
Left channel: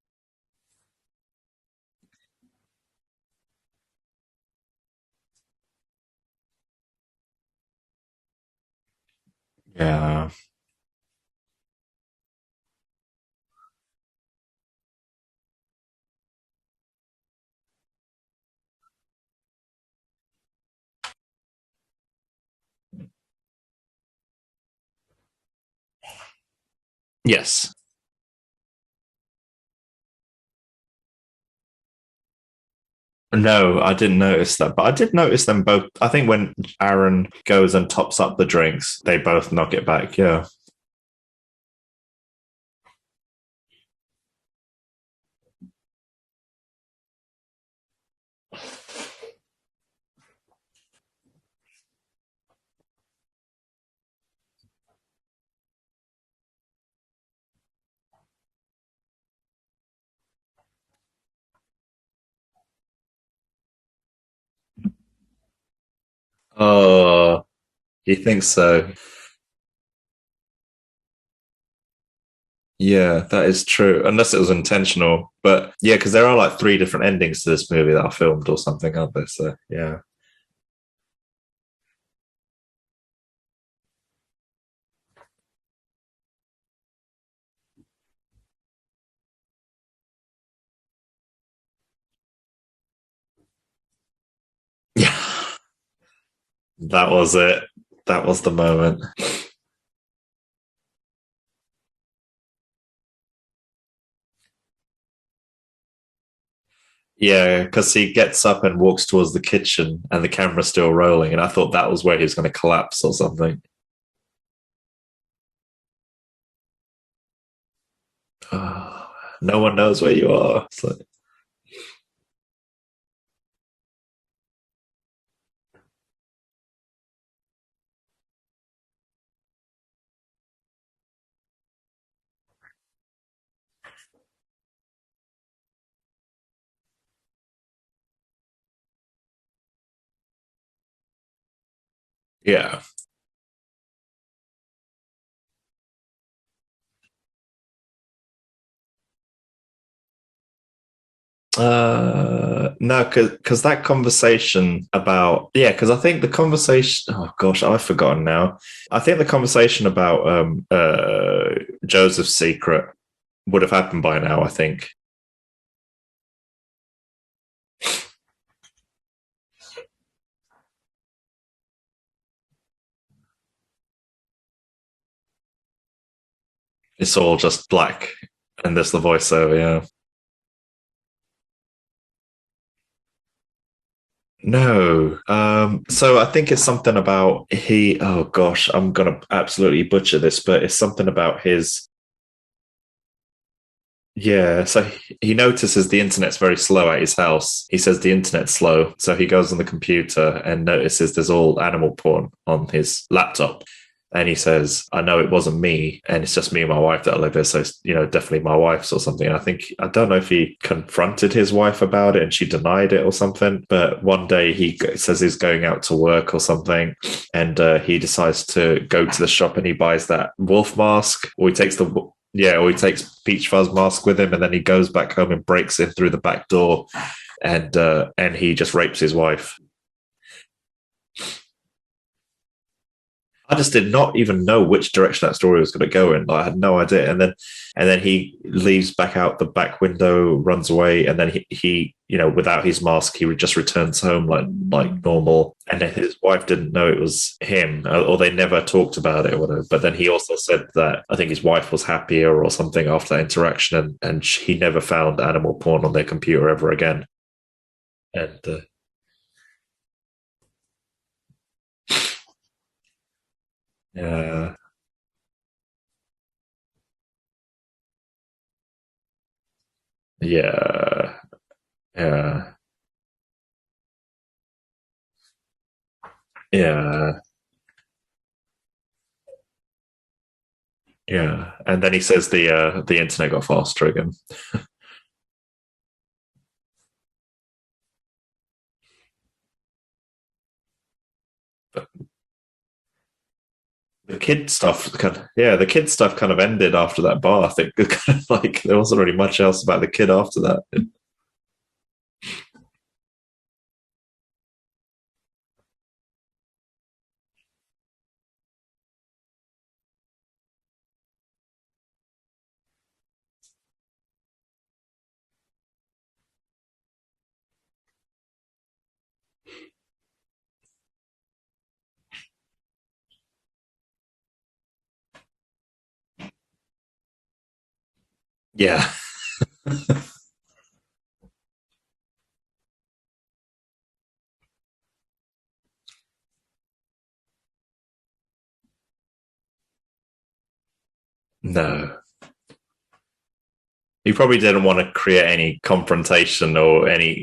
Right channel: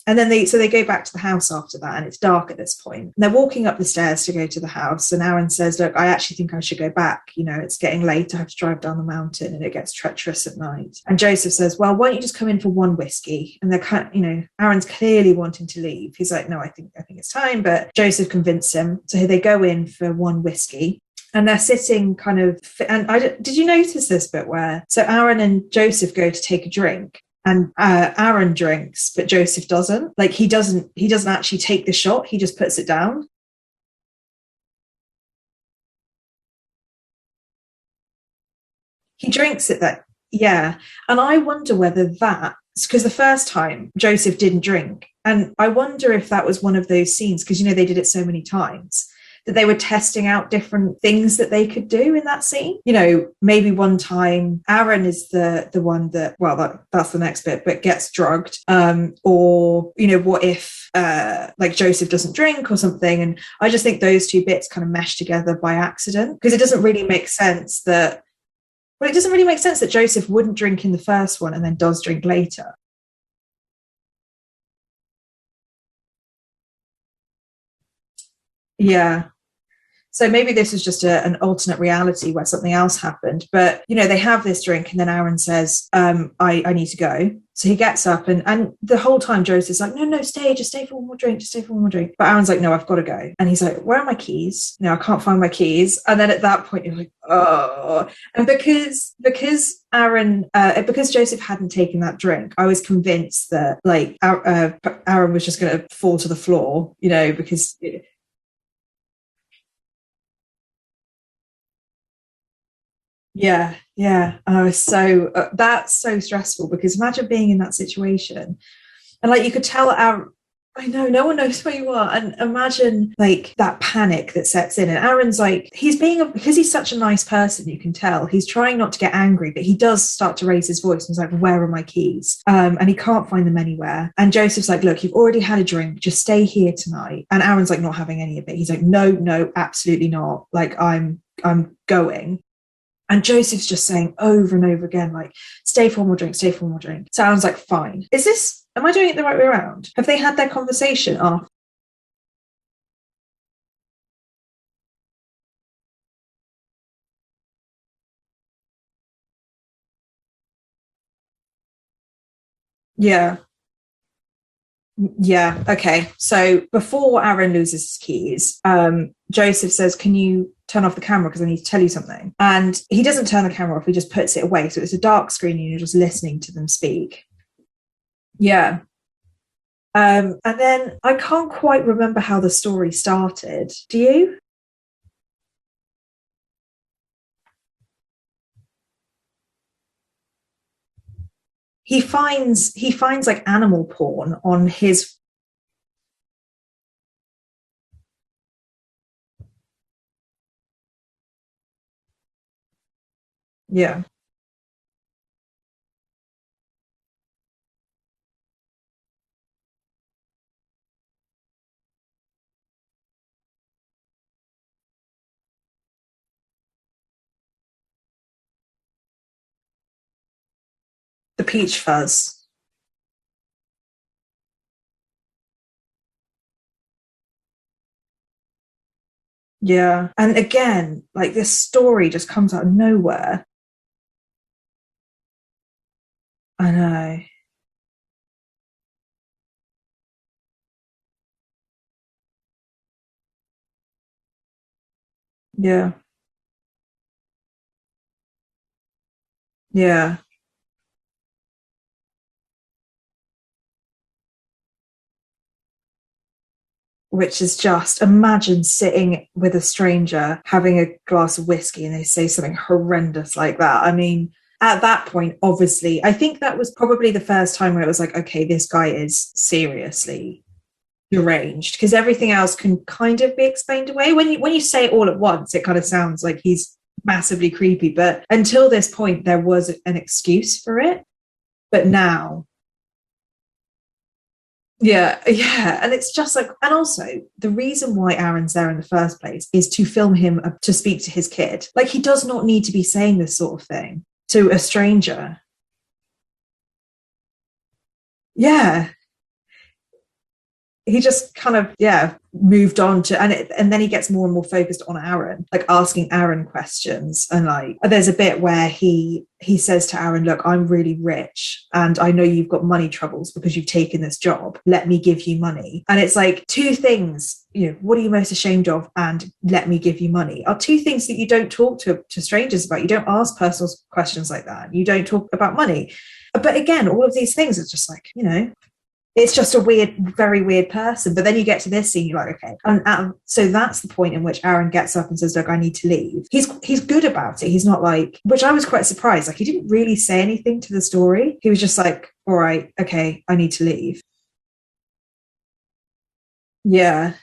And then they go back to the house after that, and it's dark at this point. And they're walking up the stairs to go to the house, and Aaron says, look, I actually think I should go back. It's getting late. I have to drive down the mountain, and it gets treacherous at night. And Joseph says, well, why don't you just come in for one whiskey? And they're kind of, Aaron's clearly wanting to leave. He's like, no, I think it's time. But Joseph convinced him. So they go in for one whiskey. And they're sitting kind of, and did you notice this bit where, so Aaron and Joseph go to take a drink. Yes. And Aaron drinks, but Joseph doesn't. Like he doesn't actually take the shot. He just puts it down. No, I didn't notice that, but I did notice them both. I think when Aaron goes and tops up the drinks, they both knock it back. Yeah. Yeah. And I wonder whether that because the first time Joseph didn't drink. And I wonder if that was one of those scenes, because, they did it so many times, that they were testing out different things that they could do in that scene. Maybe one time Aaron is the one that, well, that's the next bit, but gets drugged. Or, what if like Joseph doesn't drink or something? And I just think those two bits kind of mesh together by accident, because it doesn't really make sense that... You think so? But it doesn't really make sense that Joseph wouldn't drink in the first one and then does drink later. Yeah, that is true. Unless it was intentional. But yeah, because there are like 3 different endings to this movie that are filmed or something. Yeah. Like this, so, yeah. So maybe this was just an alternate reality where something else happened. But, they have this drink and then Aaron says, I need to go. So he gets up and the whole time Joseph's like, no, just stay for one more drink, But Aaron's like, no, I've got to go. And he's like, where are my keys? I can't find my keys. And then at that point, that was it. That was the moment. Because Aaron, because Joseph hadn't taken that drink, I was convinced that like Aaron was just going to fall to the floor, Yeah, because he gets up and walks towards the kitchen and the camera's still rolling. And I thought that was where he was going to collapse or something. Yeah. And I was so, that's so stressful, because imagine being in that situation. And like, you no can one tell knows where you are. I know, no one knows where you are. And imagine like that panic that sets in. And Aaron's like, because he's such a nice person, you can tell he's trying not to get angry, but he does start to raise his voice. And he's like, where are my keys? And he can't find them anywhere. And Joseph's like, look, you've already had a drink, just stay here tonight. And Aaron's like, not having any of it. He's like, no, absolutely not. Like, I'm going. Yeah. And Joseph's just saying over and over again, like, stay for one more drink. Sounds like, fine. Am I doing it the right way around? Have they had their conversation after? No, because that conversation about... Yeah, because I think the conversation... Oh, gosh, I've forgotten now. I think the conversation about Joseph's secret would have happened by now, I think. Yeah, okay. So before Aaron loses his keys, Joseph says, can you turn off the camera because I need to tell you something? And he doesn't turn the camera off, he just puts it away. So it's a dark screen and you're just listening to them speak. It's all just black. Yeah. And there's the voiceover, yeah. And then I can't quite remember how the story started. Do you? No. So I think it's something about oh gosh, I'm gonna absolutely butcher this, but it's something about his... He finds like animal porn. Yeah, so he notices the internet's very slow at his house. He says the internet's slow. So he goes on the computer and notices there's all animal porn on his laptop. Yeah. And he says, I know it wasn't me, and it's just me and my wife that live here, so it's, definitely my wife's or something. And I don't know if he confronted his wife about it and she denied it or something, but one day he says he's going out to work or something, and he decides to go to the shop and he buys that wolf mask. Or he takes Peach Fuzz mask with him, and then he goes back home and breaks in through the back door. And he just rapes his wife. Yeah. And again, like, this story just comes out of nowhere. I just did not even know which direction that story was going to go in. Like, I had no idea. And then he leaves back out the back window, runs away, and then he without his mask, he just returns home like normal. Yeah. And his wife didn't know it was him, or they never talked about it or whatever. But then he also said that I think his wife was happier or something after that interaction, and he never found animal porn on their computer ever again. Which is just, imagine sitting with a stranger, having a glass of whiskey, and they say something horrendous like that. I mean, at that point, obviously, I think that was probably the first time where it was like, okay, this guy is seriously deranged, because everything else can kind of be explained away. When you say it all at once, it kind of sounds like he's massively creepy, but until this point there was an excuse for it. And then he says the internet got faster again. And it's just like, and also the reason why Aaron's there in the first place is to film him to speak to his kid. Like, he does not need to be saying this sort of thing to a stranger. The kid stuff kind of ended after that bar. I think there wasn't really much else about the kid after that. He just kind of moved on to, and then he gets more and more focused on Aaron, like asking Aaron questions. And like, there's a bit where he says to Aaron, look, I'm really rich and I know you've got money troubles because you've taken this job. Let me give you money. And it's like, two things, what are you most ashamed of? And let me give you money are two things that you don't talk to strangers about. You don't ask personal questions like that. You don't talk about money. But again, all of these things are just like, it's just a weird, very weird person. But then you get to this scene, you're like, okay. And so that's the point in which Aaron gets up and says, look, I need to leave. He's good about it. He's not like, which I was quite surprised. Like, he didn't really say anything to the story. He was just like, all right, okay, I need to leave. He probably didn't want to create any confrontation or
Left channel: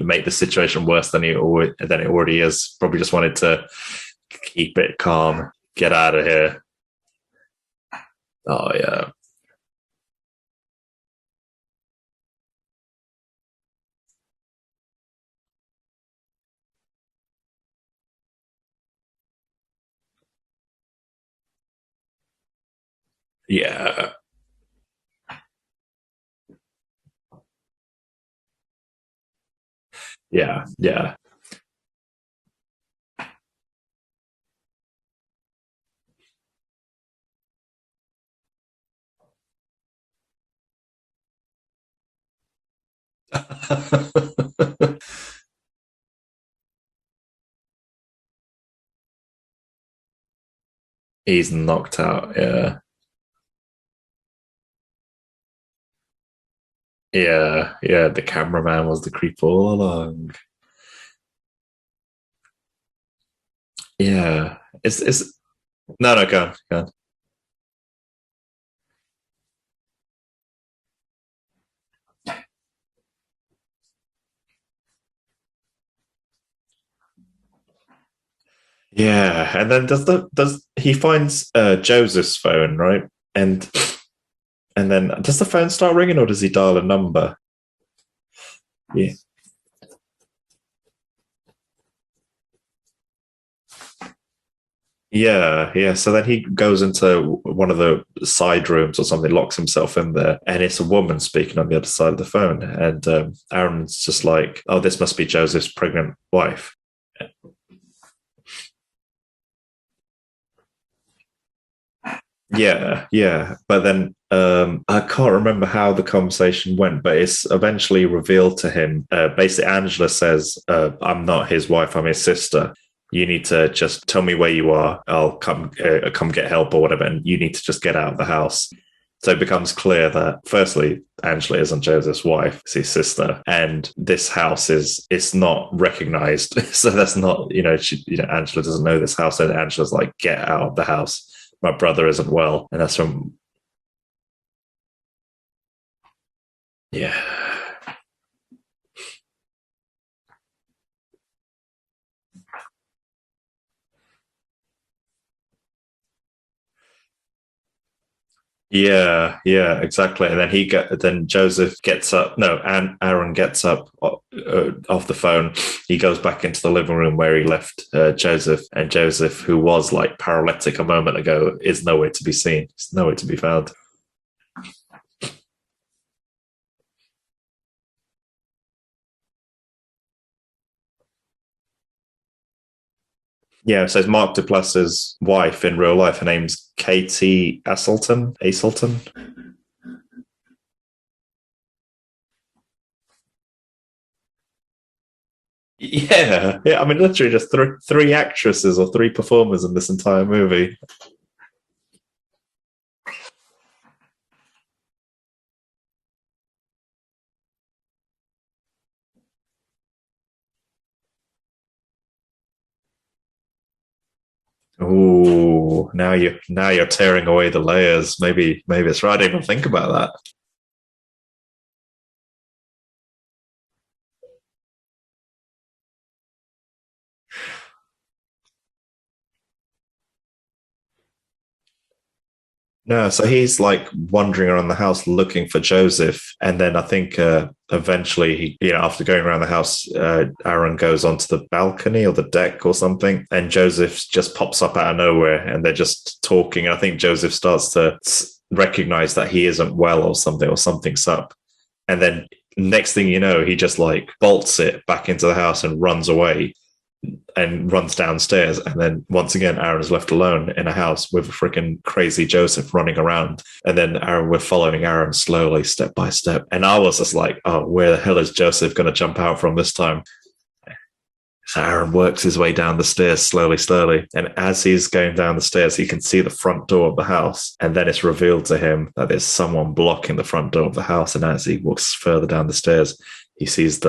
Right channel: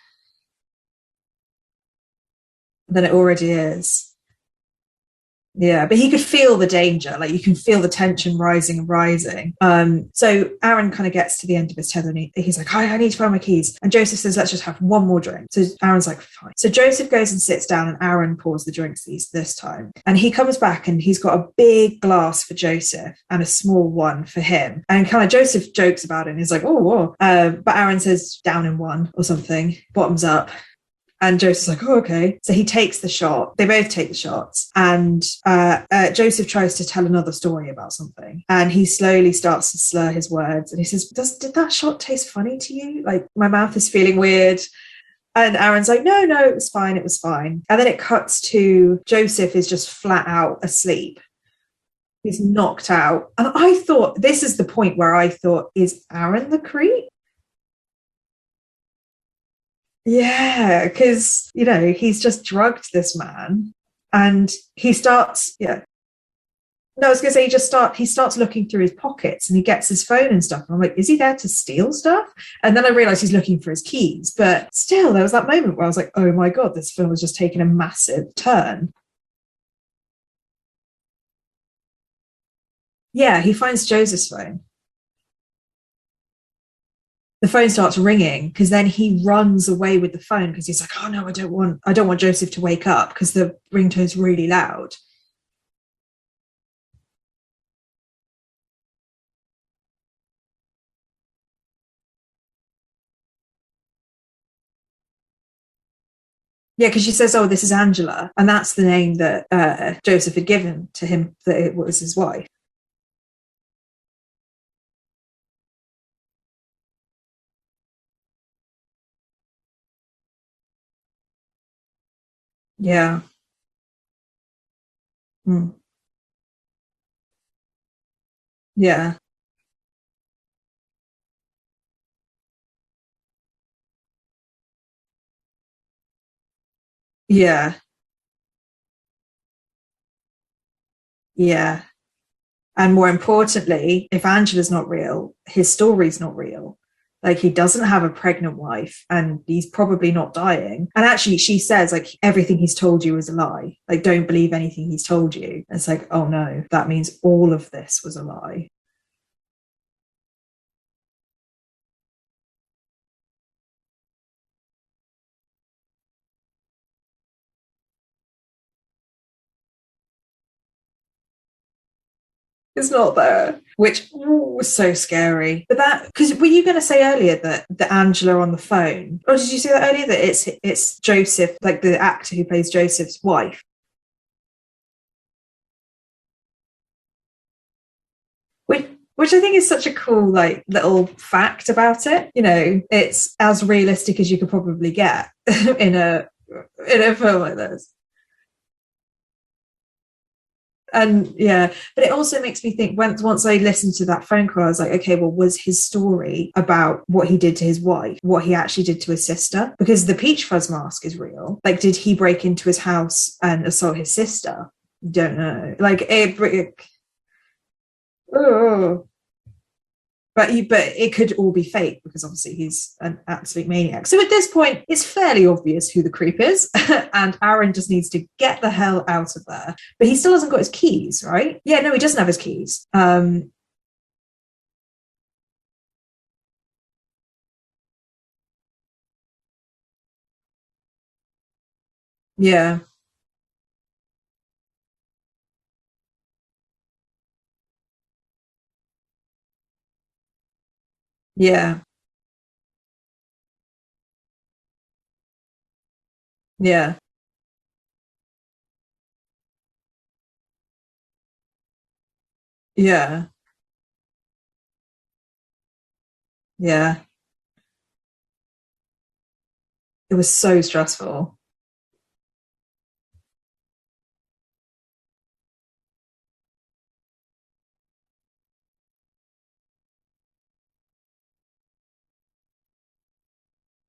make the situation worse than it already is. Probably just wanted to keep it calm. Yeah, but you can feel the danger. Like, you can feel the tension rising. So Aaron kind of gets to the end of his tether and he's like, I need to find my keys. And Joseph says, let's just have one more drink. So Aaron's like, fine. So Joseph goes and sits down and Aaron pours the drinks this time. And he comes back and he's got a big glass for Joseph and a small one for him. And kind of Joseph jokes about it and he's like, oh, whoa. But Aaron says down in one or something, bottoms up. Yeah. And Joseph's like, oh, okay. So he takes the shot. They both take the shots. And Joseph tries to tell another story about something. And he slowly starts to slur his words. And he says, did that shot taste funny to you? Like, my mouth is feeling weird. And Aaron's like, no, it was fine. It was fine. And then it cuts to Joseph is just flat out asleep. He's knocked out. He's knocked out. And I thought, this is the point where I thought, is Aaron the creep? Yeah. The cameraman was the creep all along. Yeah, because, he's just drugged this man. Yeah. And he starts. No, go on. No, I was going to say he starts looking through his pockets and he gets his phone and stuff. And I'm like, is he there to steal stuff? And then I realized he's looking for his keys. But still, there was that moment where I was like, oh my God, this film has just taken a massive turn. Yeah. And then does he finds Joseph's phone, right? Yeah, he finds Joseph's phone. And then does the phone start ringing or does he dial a number? The phone starts ringing because then he runs away with the phone because he's like, oh no, I don't want Joseph to wake up because the ringtone's really loud. Yeah. So then he goes into one of the side rooms or something, locks himself in there, and it's a woman speaking on the other side of the phone. And Aaron's just like, oh, this must be Joseph's pregnant wife. Yeah, because she says, oh, this is Angela. And that's the name that Joseph had given to him, that it was his wife. Yeah. But then I can't remember how the conversation went, but it's eventually revealed to him. Basically, Angela says, I'm not his wife, I'm his sister. Yeah. You need to just tell me where you are. I'll come get help or whatever. And you need to just get out of the house. Yeah. So it becomes clear that, firstly, Angela isn't Joseph's wife, it's his sister. And this house it's not recognized. So that's not, Angela doesn't know this house. And Angela's like, get out of the house. Yeah. My brother isn't well. And more importantly, if Angela's not real, his story's not real. Yeah. Like, he doesn't have a pregnant wife and he's probably not dying. And actually, she says, like, everything he's told you is a lie. Like, don't believe anything he's told you. It's like, oh no, that means all of this was a lie. Yeah, exactly. And then Joseph gets up. No, Aaron gets up off the phone. He goes back into the living room where he left Joseph. And Joseph, who was like paralytic a moment ago, is nowhere to be seen. It's not there. Which was so scary. But because were you going to say earlier that the Angela on the phone, or did you say that earlier that it's Joseph, like the actor who plays Joseph's wife? Yeah, so it's Mark Duplass's wife in real life. Her name's Katie Aselton. Which I think is such a cool, like, little fact about it. It's as realistic as you could probably get. I mean, literally just three actresses or three performers in this entire movie. And but it also makes me think, once I listened to that phone call, I was like, okay, well, was his story about what he did to his wife, what he actually did to his sister? Because the peach fuzz mask is real. Like, did he break into his house and assault his sister? Ooh, don't know. Like, now you're tearing away the layers. Maybe it's right. I didn't even think about that. But it could all be fake because obviously he's an absolute maniac. So at this point, it's fairly obvious who the creep is, and Aaron just needs to get the hell out of there. But he still hasn't got his keys, right? Yeah, no, he doesn't have his keys. No, so he's like wandering around the house looking for Joseph, and then I think eventually he, after going around the house, Aaron goes onto the balcony or the deck or something, and Joseph just pops up out of nowhere, and they're just talking. I think Joseph starts to recognize that he isn't well or something's up. Yeah. And then next thing you know, he just like bolts it back into the house and runs away. Yeah. And runs downstairs. And then once again, Aaron is left alone in a house with a freaking crazy Joseph running around. And then we're following Aaron slowly, step by step. And I was just like, oh, where the hell is Joseph going to jump out from this time? It was so stressful. So Aaron works his way down the stairs slowly. And as he's going down the stairs, he can see the front door of the house. And then it's revealed to him that there's someone blocking the front door of the house. And as he walks further down the stairs, he sees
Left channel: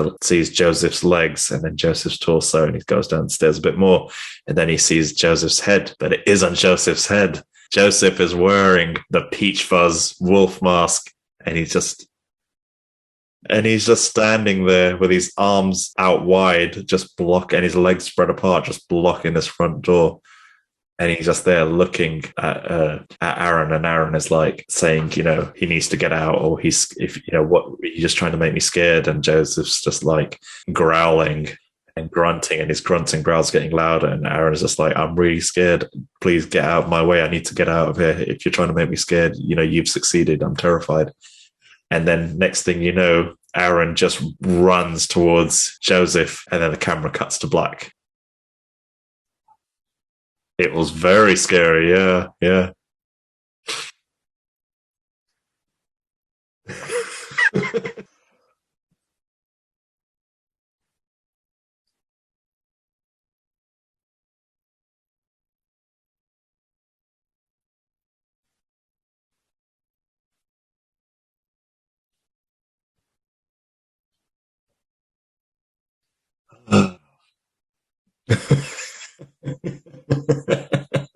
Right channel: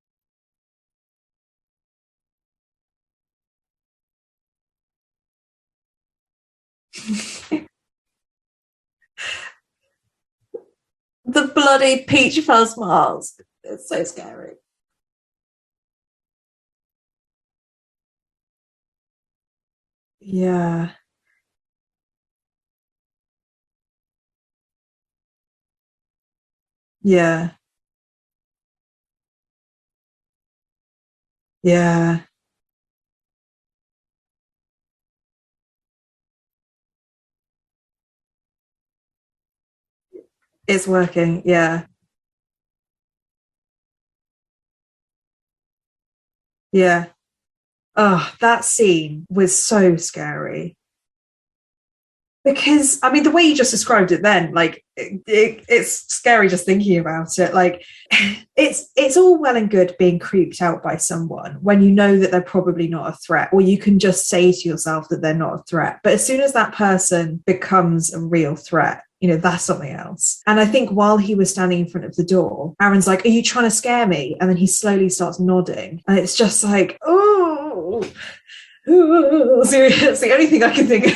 Joseph's legs and then Joseph's torso, and he goes downstairs a bit more, and then he sees Joseph's head, but it isn't Joseph's head. Joseph is wearing the peach fuzz wolf mask. The bloody peach fuzz mask. And he's just standing there with his arms out wide, just and his legs spread apart, just blocking this front door. Yeah. And he's just there looking at Aaron, and Aaron is like saying, he needs to get out, or what, you're just trying to make me scared. And Joseph's just like growling and grunting, and his grunts and growls getting louder. And Aaron is just like, I'm really scared. Please get out of my way. I need to get out of here. If you're trying to make me scared, you've succeeded. I'm terrified. It's working. Yeah. And then next thing you know, Aaron just runs towards Joseph, and then the camera cuts to black. Oh, that scene was so scary. It was very scary, yeah. Because, I mean, the way you just described it then, like, it's scary just thinking about it. Like, it's all well and good being creeped out by someone when you know that they're probably not a threat, or you can just say to yourself that they're not a threat. But as soon as that person becomes a real threat, that's something else. And I think while he was standing in front of the door, Aaron's like, are you trying to scare me? And then he slowly starts nodding. And it's just like, oh, it's the only thing I can think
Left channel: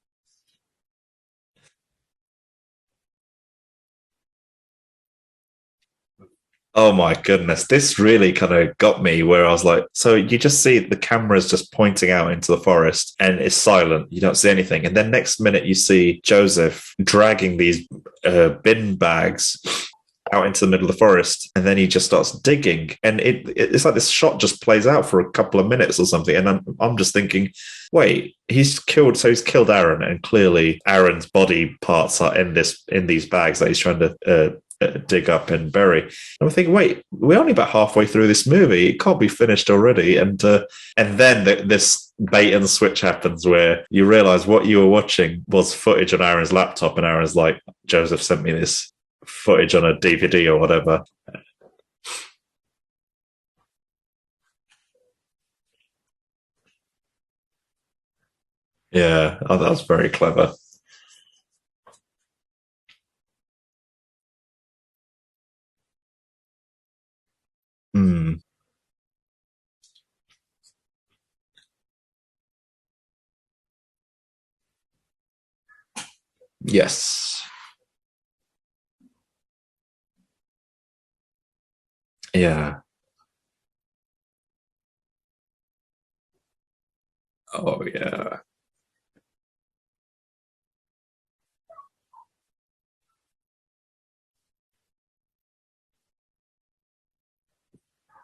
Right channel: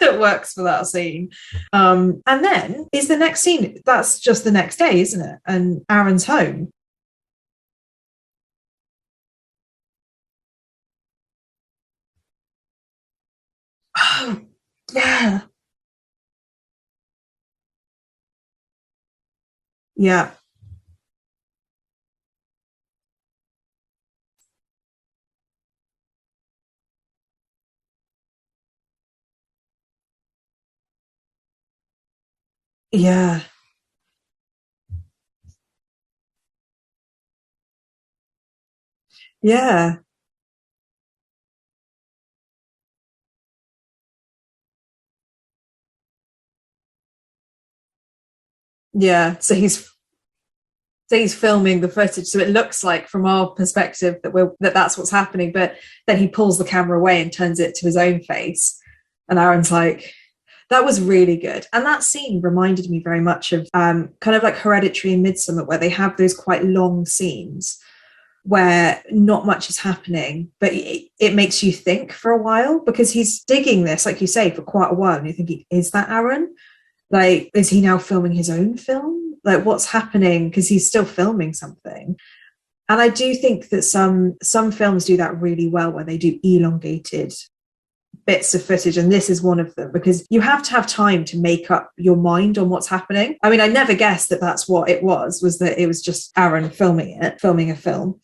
that works for that scene. And then is the next scene. That's just the next day, isn't it? And Aaron's home. Oh my goodness. This really kind of got me, where I was like, so you just see the camera's just pointing out into the forest, and it's silent. You don't see anything. And then next minute you see Joseph dragging these bin bags out into the middle of the forest, and then he just starts digging, and it's like this shot just plays out for a couple of minutes or something, and I'm just thinking, wait, he's killed Aaron, and clearly Aaron's body parts are in these bags that he's trying to dig up and bury. And I'm thinking, wait, we're only about halfway through this movie, it can't be finished already. And then this bait and switch happens, where you realize what you were watching was footage on Aaron's laptop, and Aaron's like, Joseph sent me this footage on a DVD or whatever. So he's filming the footage, so it looks like from our perspective that's what's happening, but then he pulls the camera away and turns it to his own face. Yeah, and Aaron's like, very clever. That was really good. And that scene reminded me very much of kind of like Hereditary and Midsommar, where they have those quite long scenes where not much is happening, but it makes you think for a while, because he's digging this, like you say, for quite a while, and you're thinking, is that Aaron? Yes. Like, is he now filming his own film? Like, what's happening? Because he's still filming something. Yeah. And I do think that some films do that really well, where they do elongated bits of footage, and this is one of them, because you have to have time to make up your mind on what's happening. I mean, I never guessed that that's what it was that it was just Aaron filming a film.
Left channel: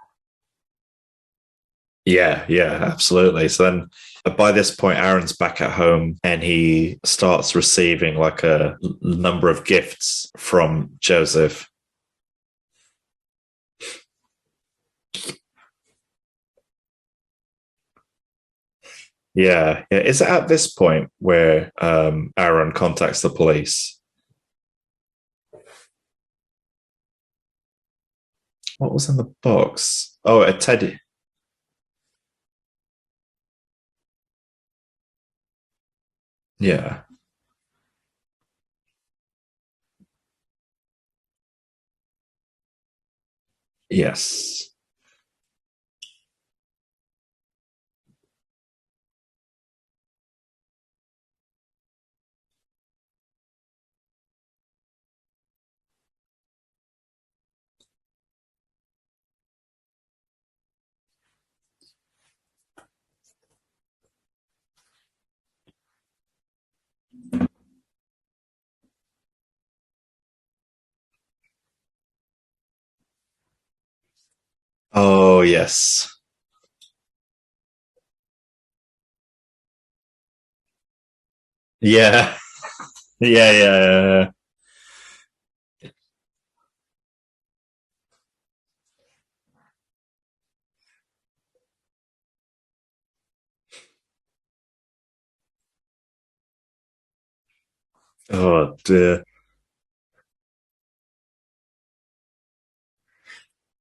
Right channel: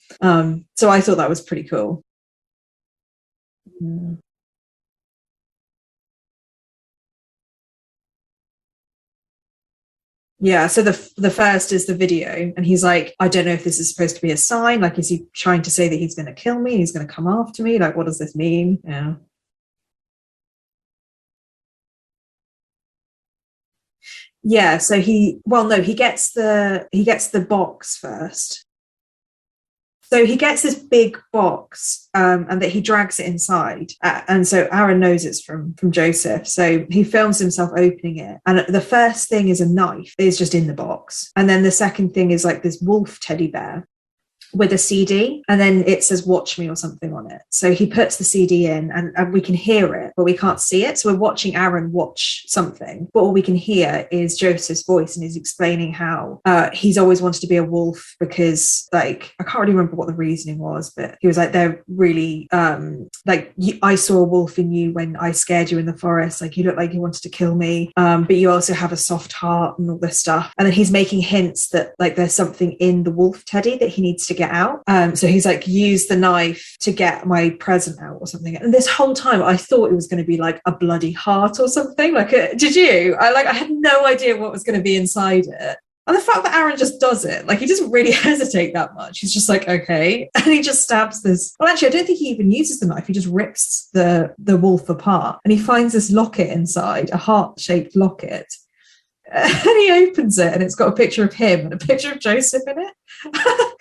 So I thought that was pretty cool. Yeah, absolutely. So then by this point, Aaron's back at home, and he starts receiving like a number of gifts from so the Joseph. The first is the video, and he's like, I don't know if this is supposed to be a sign. Like, is he trying to say that he's going to kill me? He's going to come after me? Like, what does this mean? Yeah. Is it at this point where Aaron contacts the police? Yeah, so he gets the box first. What was in the box? So he gets this big box, and that he drags it inside. And so Aaron knows it's from Joseph. So he films himself opening it. And the first thing is a knife. It's just in the box. And then the second thing is like this wolf teddy bear. Yes. With a CD. And then it says, watch me or something on it. So he puts the CD in, and we can hear it, but we can't see it. So we're watching Aaron watch something. But all we can hear is Joseph's voice, and he's explaining how he's always wanted to be a wolf, because like, I can't really remember what the reasoning was, but he was like, they're really I saw a wolf in you when I scared you in the forest, like you looked like you wanted to kill me, but you also have a soft heart and all this stuff. And then he's making hints that like there's something in the wolf teddy that he needs to get out, so he's like, use the knife to get my present out or something. And this whole time I thought it was going to be like a bloody heart or something. Did you? I had no idea what was going to be inside it. And the fact that Aaron just does it, like, he doesn't really hesitate that much. He's just like, okay. And he just stabs this. Well, actually, I don't think he even uses the knife. He just rips the wolf apart. And he finds this locket inside, a heart-shaped locket. Oh, dear. And he opens it, and it's got a picture of him and a picture of Joseph in it.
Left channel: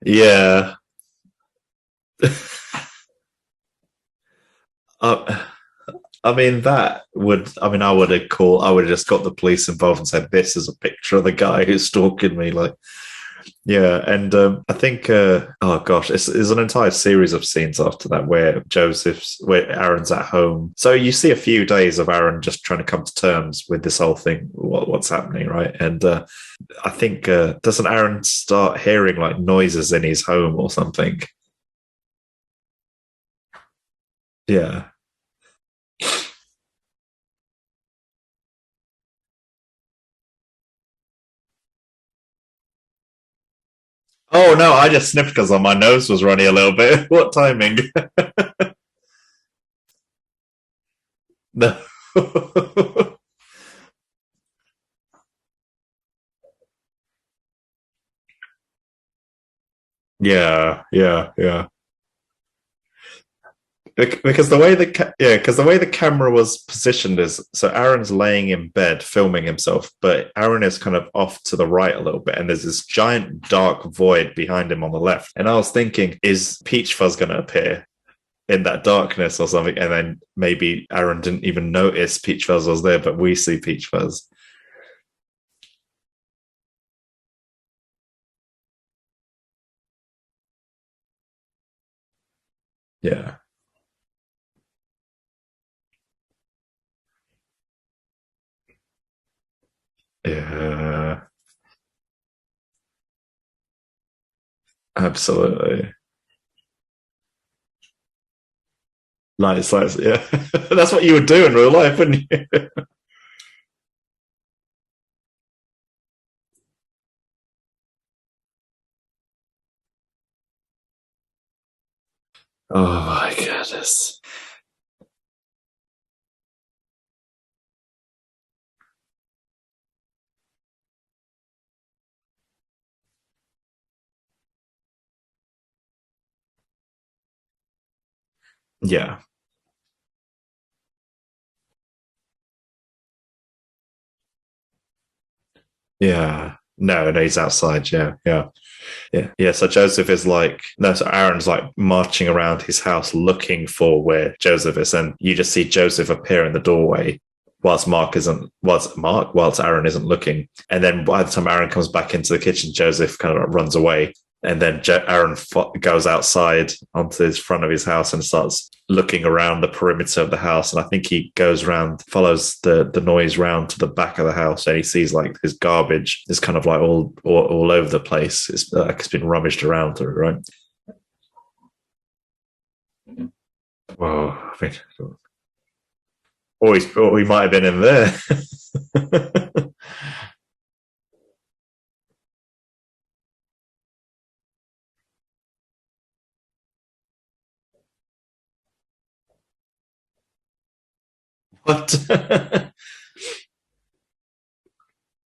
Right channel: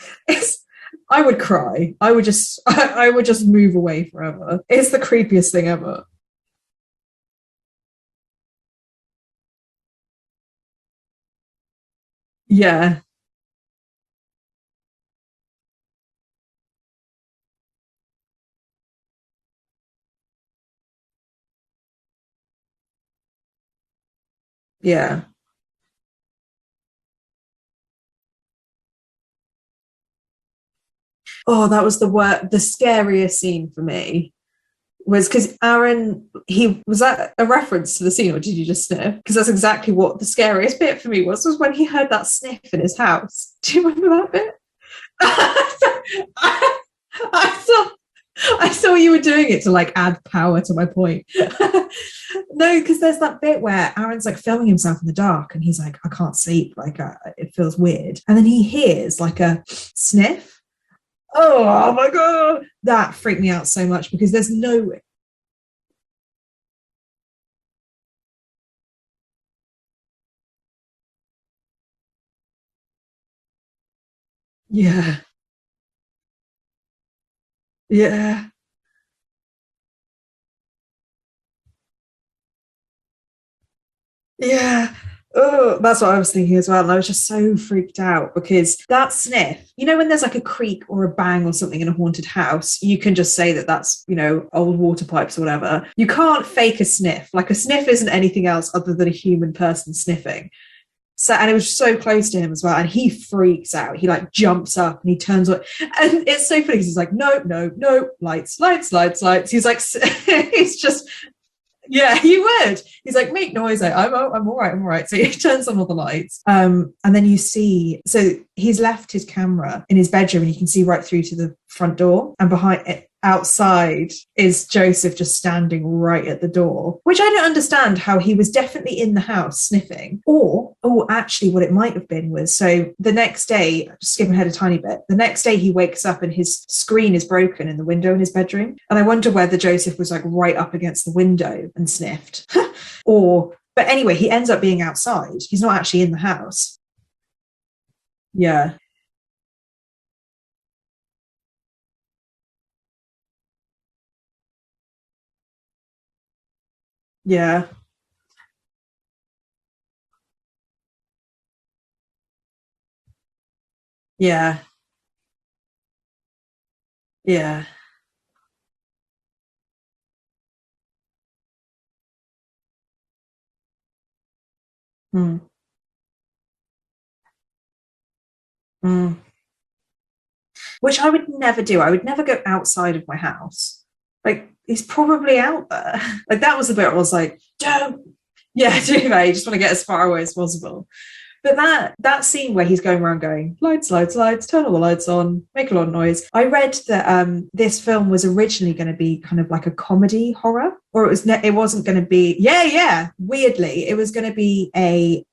Yeah. I would cry. I would just move away forever. It's the creepiest thing ever. I would have just got the police involved and said, this is a picture of the guy who's stalking me. Like, Yeah, and I think, oh gosh, it's an entire series of scenes after that where where Aaron's at home. So you see a few days of Aaron just trying to come to terms with this whole thing, what's happening, right? And I think, doesn't Aaron start hearing like noises in his home or something? Oh, that was the scariest scene for me. Yeah. Was because Aaron, was that a reference to the scene or did you just sniff? Because that's exactly what the scariest bit for me was when he heard that sniff in his house. Do you remember that? Oh no, I just sniffed because my nose was running a little bit. What timing? I thought you were doing it to like add power to my point. No, because there's that bit where Aaron's like filming himself in the dark and he's like, I can't sleep, like it feels weird. And then he hears like a sniff. Yeah. Oh my God. That freaked me out so much because the way the camera was positioned is so Aaron's laying in bed filming himself, but Aaron is kind of off to the right a little bit, and there's this giant dark void behind him on the left. And I was thinking, is Peach Fuzz going to appear? In that darkness or something? And then maybe Aaron didn't even notice Peach Fuzz was there, but we see Peach Fuzz. Yeah. Oh, that's what I was thinking as well. And I was just so freaked out because that sniff, when there's like a creak or a bang or something in a haunted house, you can just say that that's, old water pipes or whatever. You can't fake a sniff. Like a sniff isn't anything else other than a human person sniffing. So, and it was so close to him as well. And he freaks out. He like jumps up and he turns up. And it's so funny because he's like, no, lights. He's like, that's what you would do in real life. Yeah, you would. He's like, make noise. I'm all right. So he turns on all the lights. And then you see, so he's left his camera in his bedroom and you can see right through to the front door, and behind him outside is Joseph just standing right at the door, which I don't understand how he was definitely in the house sniffing, or actually what it might have been was, so the next day, just skipping ahead a tiny bit, the next day he wakes up and his screen is broken in the window in his bedroom, and I wonder whether Joseph was like right up against the window and sniffed But anyway, he ends up being outside. He's not actually in the house. No, he's outside. Yeah. So Joseph is so Aaron's like marching around his house looking for where Joseph is, and you just see Joseph appear in the doorway. Yeah. Whilst Aaron isn't looking, and then by the time Aaron comes back into the kitchen, Joseph kind of runs away. Yeah. And then Aaron goes outside onto the front of his house and starts looking around the perimeter of the house, and I think he goes around, follows the noise round to the back of the house, and he sees like his garbage is kind of like all over the place. It's like it's been rummaged around through, right? Which I would never do. I would never go outside of my house. Well, he's probably out there. Like that was a bit. We might have been in there. Yeah, do they? You just want to get as far away as possible. But that scene where he's going around going, lights, turn all the lights on, make a lot of noise. I read that this film was originally going to be kind of like a comedy horror, or it wasn't going to be. Yeah. Weirdly, it was going to be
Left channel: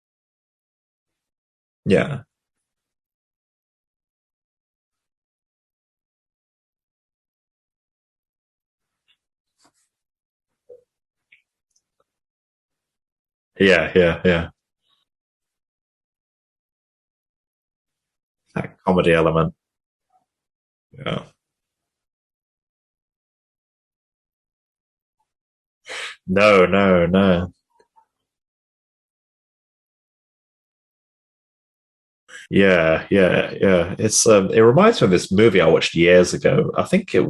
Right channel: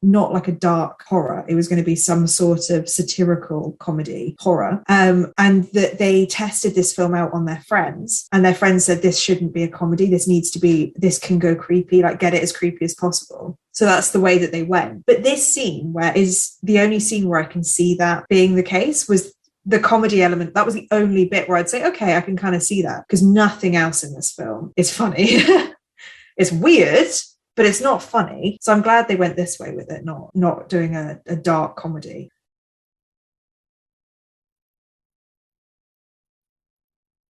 not like a dark horror. It was going to be some sort of satirical comedy horror. And that they tested this film out on their friends, and their friends said this shouldn't be a comedy. This can go creepy. Like get it as creepy as possible. Yeah. So that's the way that they went. But this scene is the only scene where I can see that being the case. The comedy element. That was the only bit where I'd say, okay, I can kind of see that, because nothing else in this film is funny. It's weird, but it's not funny. So I'm glad they went this way with it, not doing a dark comedy. Yeah. It's it reminds me of this movie I watched years ago. I think it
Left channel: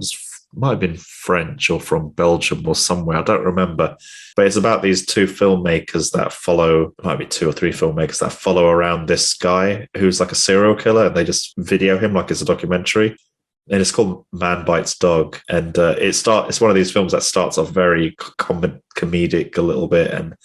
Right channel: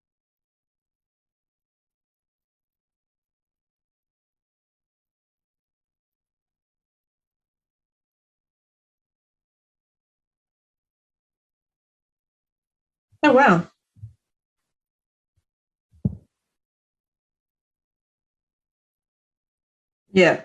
might have been French or from Belgium or somewhere. I don't remember. But it's about these two filmmakers that follow, might be two or three filmmakers that follow around this guy who's like a serial killer, and they just video him like it's a documentary. Oh, wow. And it's called Man Bites Dog. And it's one of these films that starts off very comedic a little bit. And,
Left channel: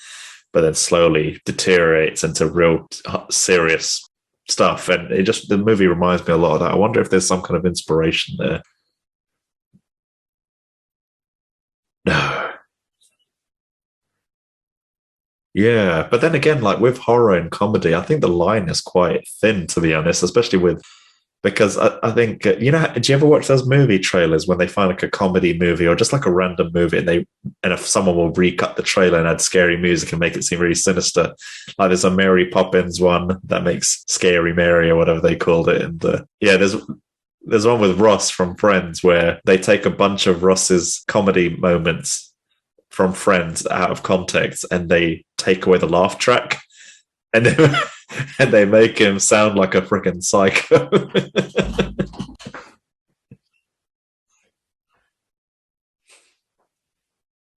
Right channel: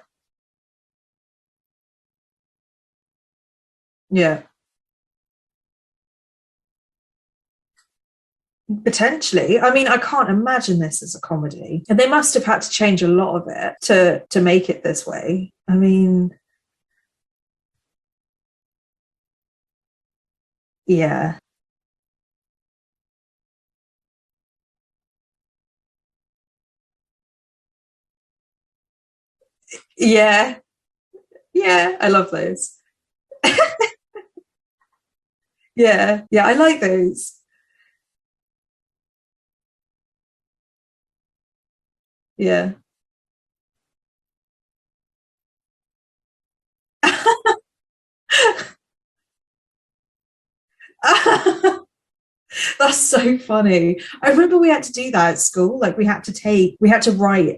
but then slowly deteriorates into real serious stuff. And the movie reminds me a lot of that. I wonder if there's some kind of inspiration there. Potentially. I mean, I can't imagine this as a comedy. And they must have had to change a lot of it to make it this way. Yeah. But then again, like with horror and comedy, I think the line is quite thin, to be honest, especially with... Yeah. Because I think, do you ever watch those movie trailers when they find like a comedy movie or just like a random movie, and if someone will recut the trailer and add scary music and make it seem really sinister. Yeah, like there's a Mary Poppins one that makes Scary Mary or whatever they called it. I like those. There's one with Ross from Friends where they take a bunch of Ross's comedy moments from Friends out of context and they take away the laugh track. And and they make him sound like a freaking psycho. That's so funny. I remember we had to do that at school. Like we had to write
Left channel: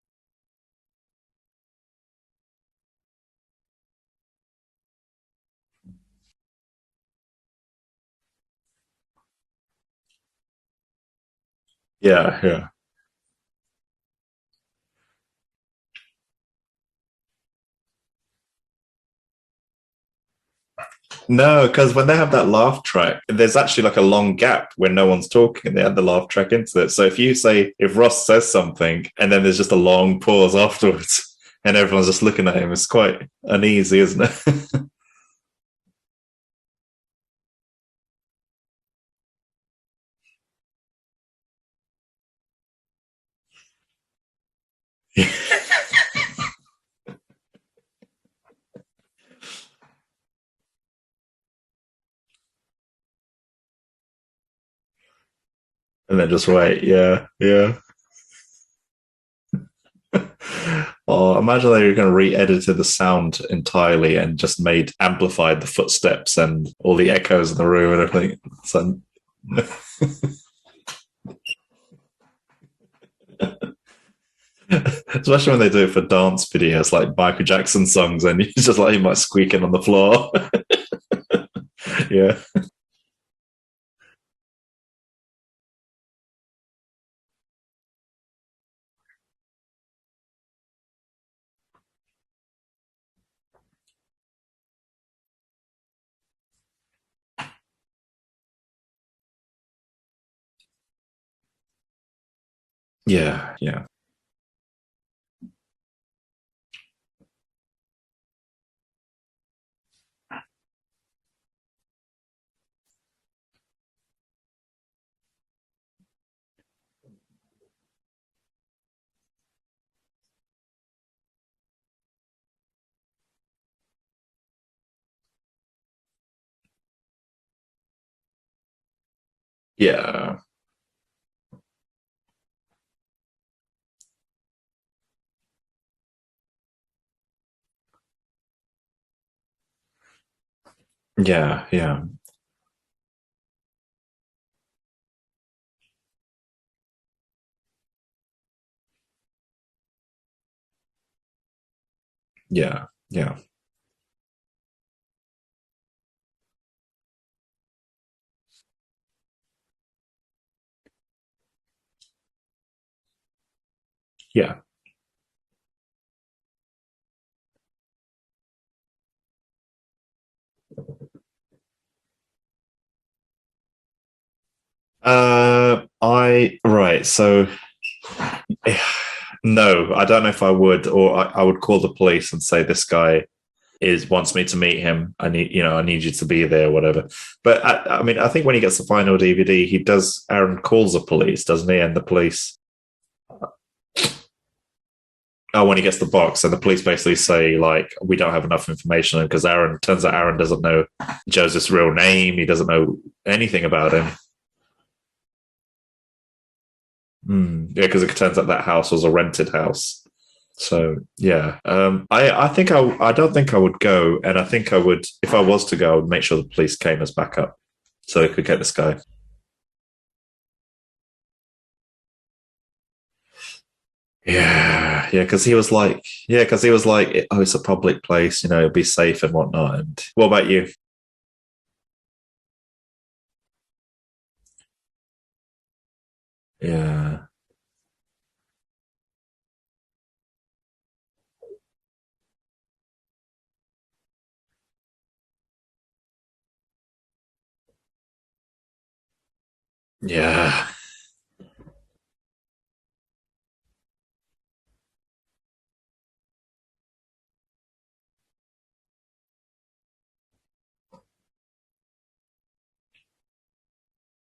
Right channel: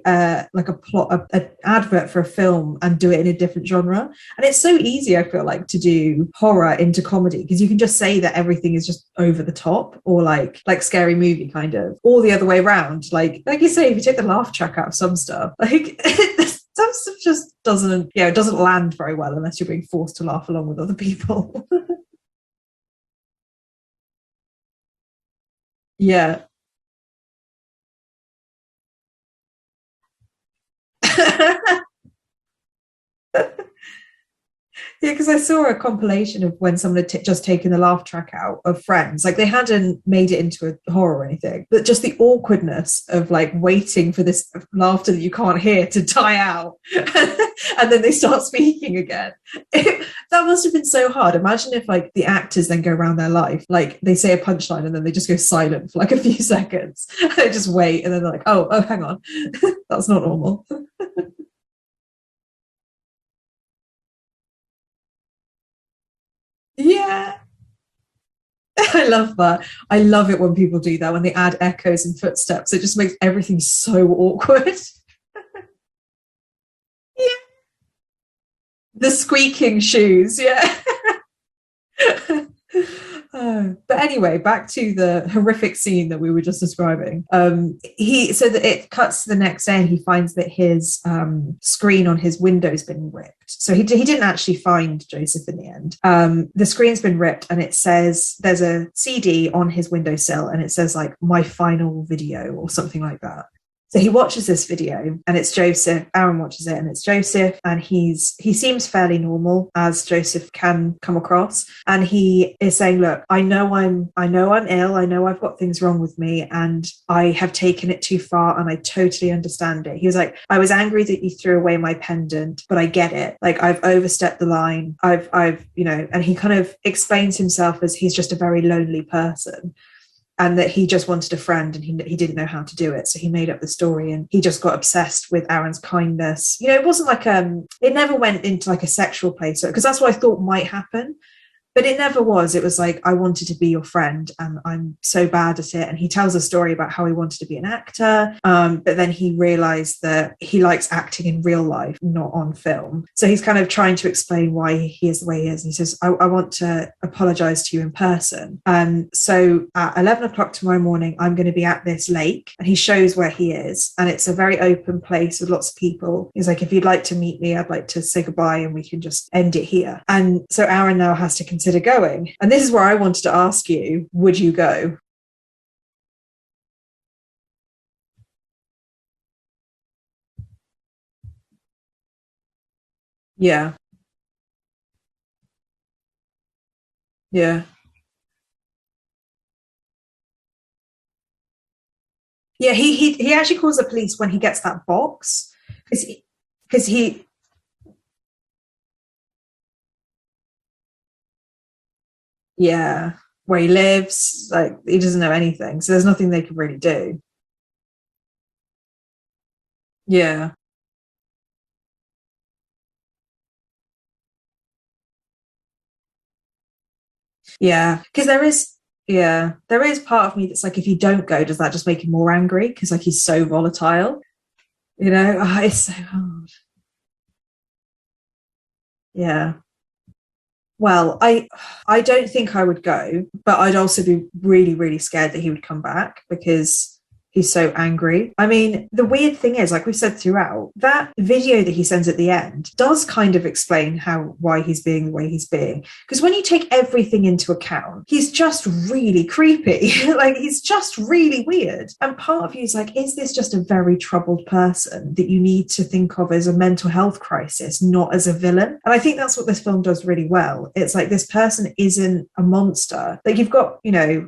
like a plot, an advert for a film and do it in a different genre. And it's so easy, I feel like, to do horror into comedy because you can just say that everything is just over the top or like Scary Movie kind of, or the other way around. Like you say, if you take the laugh track out of some stuff, like some stuff just doesn't land very well unless you're being forced to laugh along with other people. No, because when they have that laugh track, there's actually like a long gap when no one's talking and they add the laugh track into it. So if Ross says something and then there's just a long pause afterwards and everyone's just looking at him, it's quite uneasy, isn't it? Yeah, because I saw a compilation of when someone had just taken the laugh track out of Friends. Like they hadn't made it into a horror or anything, but just the awkwardness of like waiting for this laughter that you can't hear to die out. And then they start speaking again. That must have been so hard. Imagine if like the actors then go around their life, like they say a punchline and then they just go silent for like a few seconds. Just wait, and then they're like, oh, hang on, that's not normal. Or imagine they were going to re-edited the sound entirely and just amplified the footsteps and all the echoes in the room and everything. So I love that. I love it when people do that, when they add echoes and footsteps. It just makes everything so awkward. Especially when they do it for dance videos like Michael Jackson songs and you just like him like squeaking on the floor. Shoes, yeah. But anyway, back to the horrific scene that we were just describing. So that it cuts to the next day and he finds that his screen on his window's been ripped. So he didn't actually find Joseph in the end. The screen's been ripped and it says there's a CD on his windowsill and it says like my final video or something like that. Yeah. So he watches this video and it's Joseph. Aaron watches it and it's Joseph and he seems fairly normal as Joseph can come across. And he is saying, look, I know I'm ill. I know I've got things wrong with me and I have taken it too far and I totally understand it. He was like, I was angry that you threw away my pendant, but I get it. Like I've overstepped the line. I've and he kind of explains himself as he's just a very lonely person. Yeah. And that he just wanted a friend and he didn't know how to do it. So he made up the story and he just got obsessed with Aaron's kindness. You know, it wasn't like it never went into like a sexual place because that's what I thought might happen. Yeah. But it never was. It was like, I wanted to be your friend and I'm so bad at it. And he tells a story about how he wanted to be an actor. But then he realized that he likes acting in real life, not on film. Yeah. So he's kind of trying to explain why he is the way he is. And he says, I want to apologize to you in person. So at 11 o'clock tomorrow morning, I'm going to be at this lake. And he shows where he is. And it's a very open place with lots of people. He's like, if you'd like to meet me, I'd like to say goodbye and we can just end it here. And so Aaron now has to consider going. And this is where I wanted to ask you, would you go? So no, I don't know if I would, or I would call the police and say this guy wants me to meet him. I need you to be there, whatever. Yeah. But I think when he gets the final DVD, Aaron calls the police, doesn't he? And the police. Yeah, he actually calls the police when he gets that box. Oh, when he gets the box, and the police basically say like, we don't have enough information because Aaron doesn't know Joseph's real name. He doesn't know anything about him. Like he doesn't know anything, so there's nothing they can really do. Yeah, because it turns out that house was a rented house. Yeah. So I don't think I would go, and I think I would, if I was to go, I would make sure the police came as backup. Yeah. So they could get this guy. Yeah. There is part of me that's like, if you don't go, does that just make him more angry? Because like he's so volatile. Yeah. You know? Because he was like, oh, it's a public place, it'll be safe and whatnot. And what about you? Well, I don't think I would go, but I'd also be really, really scared that he would come back because he's so angry. I mean, the weird thing is, like we said throughout, that video that he sends at the end does kind of explain why he's being the way he's being. Because when you take everything into account, he's just really creepy. Like it's just really weird. And part of you is like, is this just a very troubled person that you need to think of as a mental health crisis, not as a villain? And I think that's what this film does really well. It's like this person isn't a monster. Like you've got,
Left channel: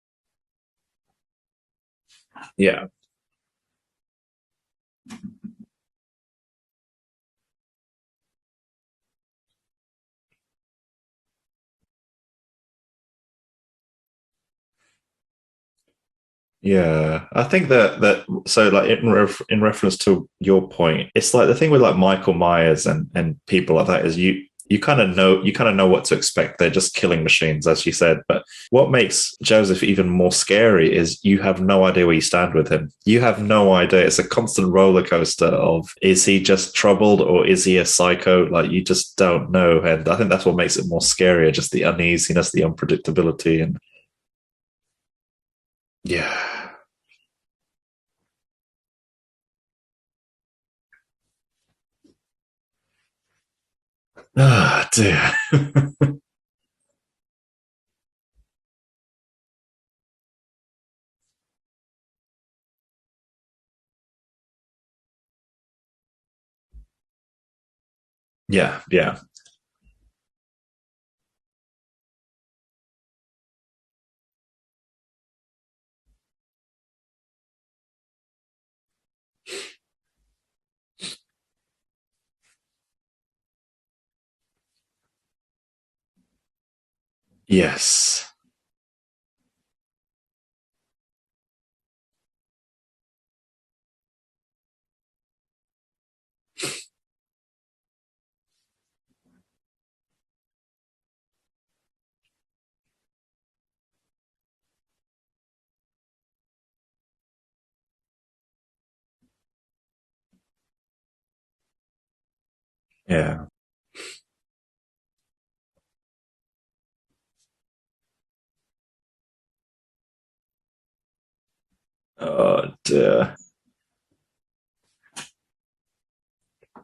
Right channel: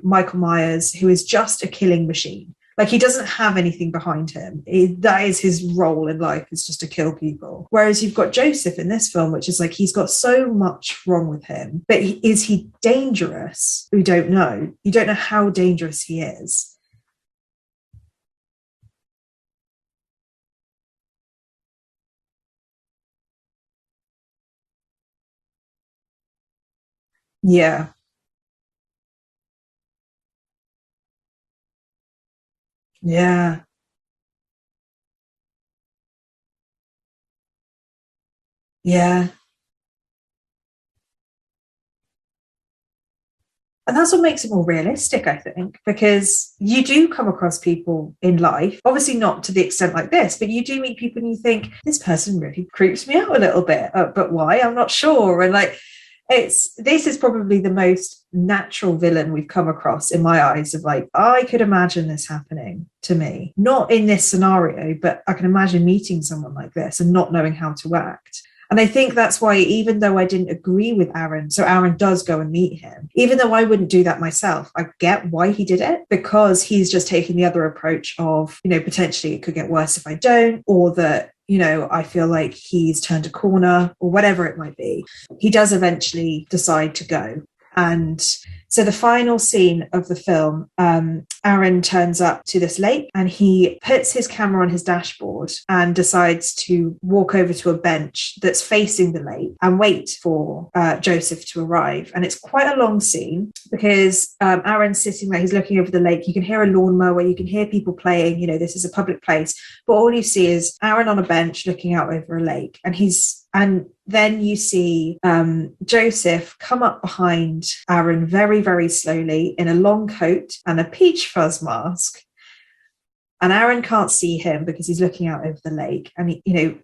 Michael Myers, who is just a killing machine. Yeah. Like he doesn't have anything behind him. That is his role in life, is just to kill people. Whereas you've got Joseph in this film, which is like he's got so much wrong with him, but is he dangerous? We don't know. You don't know how dangerous he is. Yeah, I think that so like in reference to your point, it's like the thing with like Michael Myers and people like that is you kind of know what to expect. They're just killing machines, as you said. But what makes Joseph even more scary is you have no idea where you stand with him. You have no idea. It's a constant roller coaster of, is he just troubled or is he a psycho? Like, you just don't know. And I think that's what makes it more scarier, just the uneasiness, the unpredictability. And that's what makes it more realistic, I think, because you do come across people in life, obviously not to the extent like this, but you do meet people and you think, this person really creeps me out a little bit, but why? I'm not sure. And like, this is probably the most natural villain we've come across in my eyes, of like, I could imagine this happening to me, not in this scenario, but I can imagine meeting someone like this and not knowing how to act. And I think that's why, even though I didn't agree with Aaron, so Aaron does go and meet him, even though I wouldn't do that myself, I get why he did it, because he's just taking the other approach of, potentially it could get worse if I don't, or that, I feel like he's turned a corner, or whatever it might be. He does eventually decide to go. Yes. And so the final scene of the film, Aaron turns up to this lake and he puts his camera on his dashboard and decides to walk over to a bench that's facing the lake and wait for Joseph to arrive. And it's quite a long scene, because Aaron's sitting there, he's looking over the lake. You can hear a lawnmower, you can hear people playing, this is a public place, but all you see is Aaron on a bench looking out over a lake. And and then you see Joseph come up behind Aaron very, very slowly in a long coat and a peach fuzz mask. Oh dear. And Aaron can't see him because he's looking out over the lake. And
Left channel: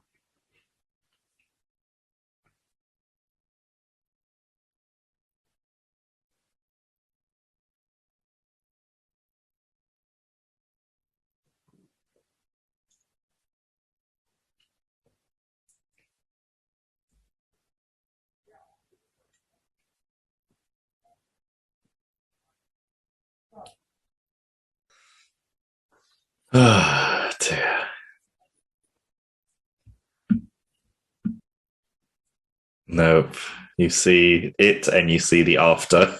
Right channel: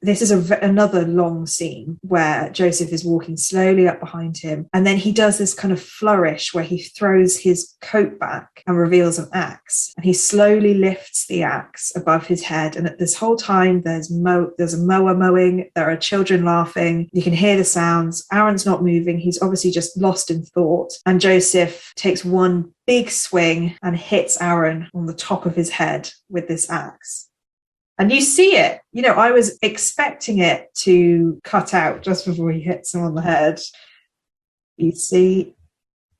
this is another long scene where Joseph is walking slowly up behind him, and then he does this kind of flourish where he throws his coat back and reveals an axe, and he slowly lifts the axe above his head. And at this whole time there's a mower mowing, there are children laughing, you can hear the sounds. Aaron's not moving, he's obviously just lost in thought, and Joseph takes one big swing and hits Aaron on the top of his head with this axe. And you see it. I was expecting it to cut out just before he hits him on the head. You see it, you see the after.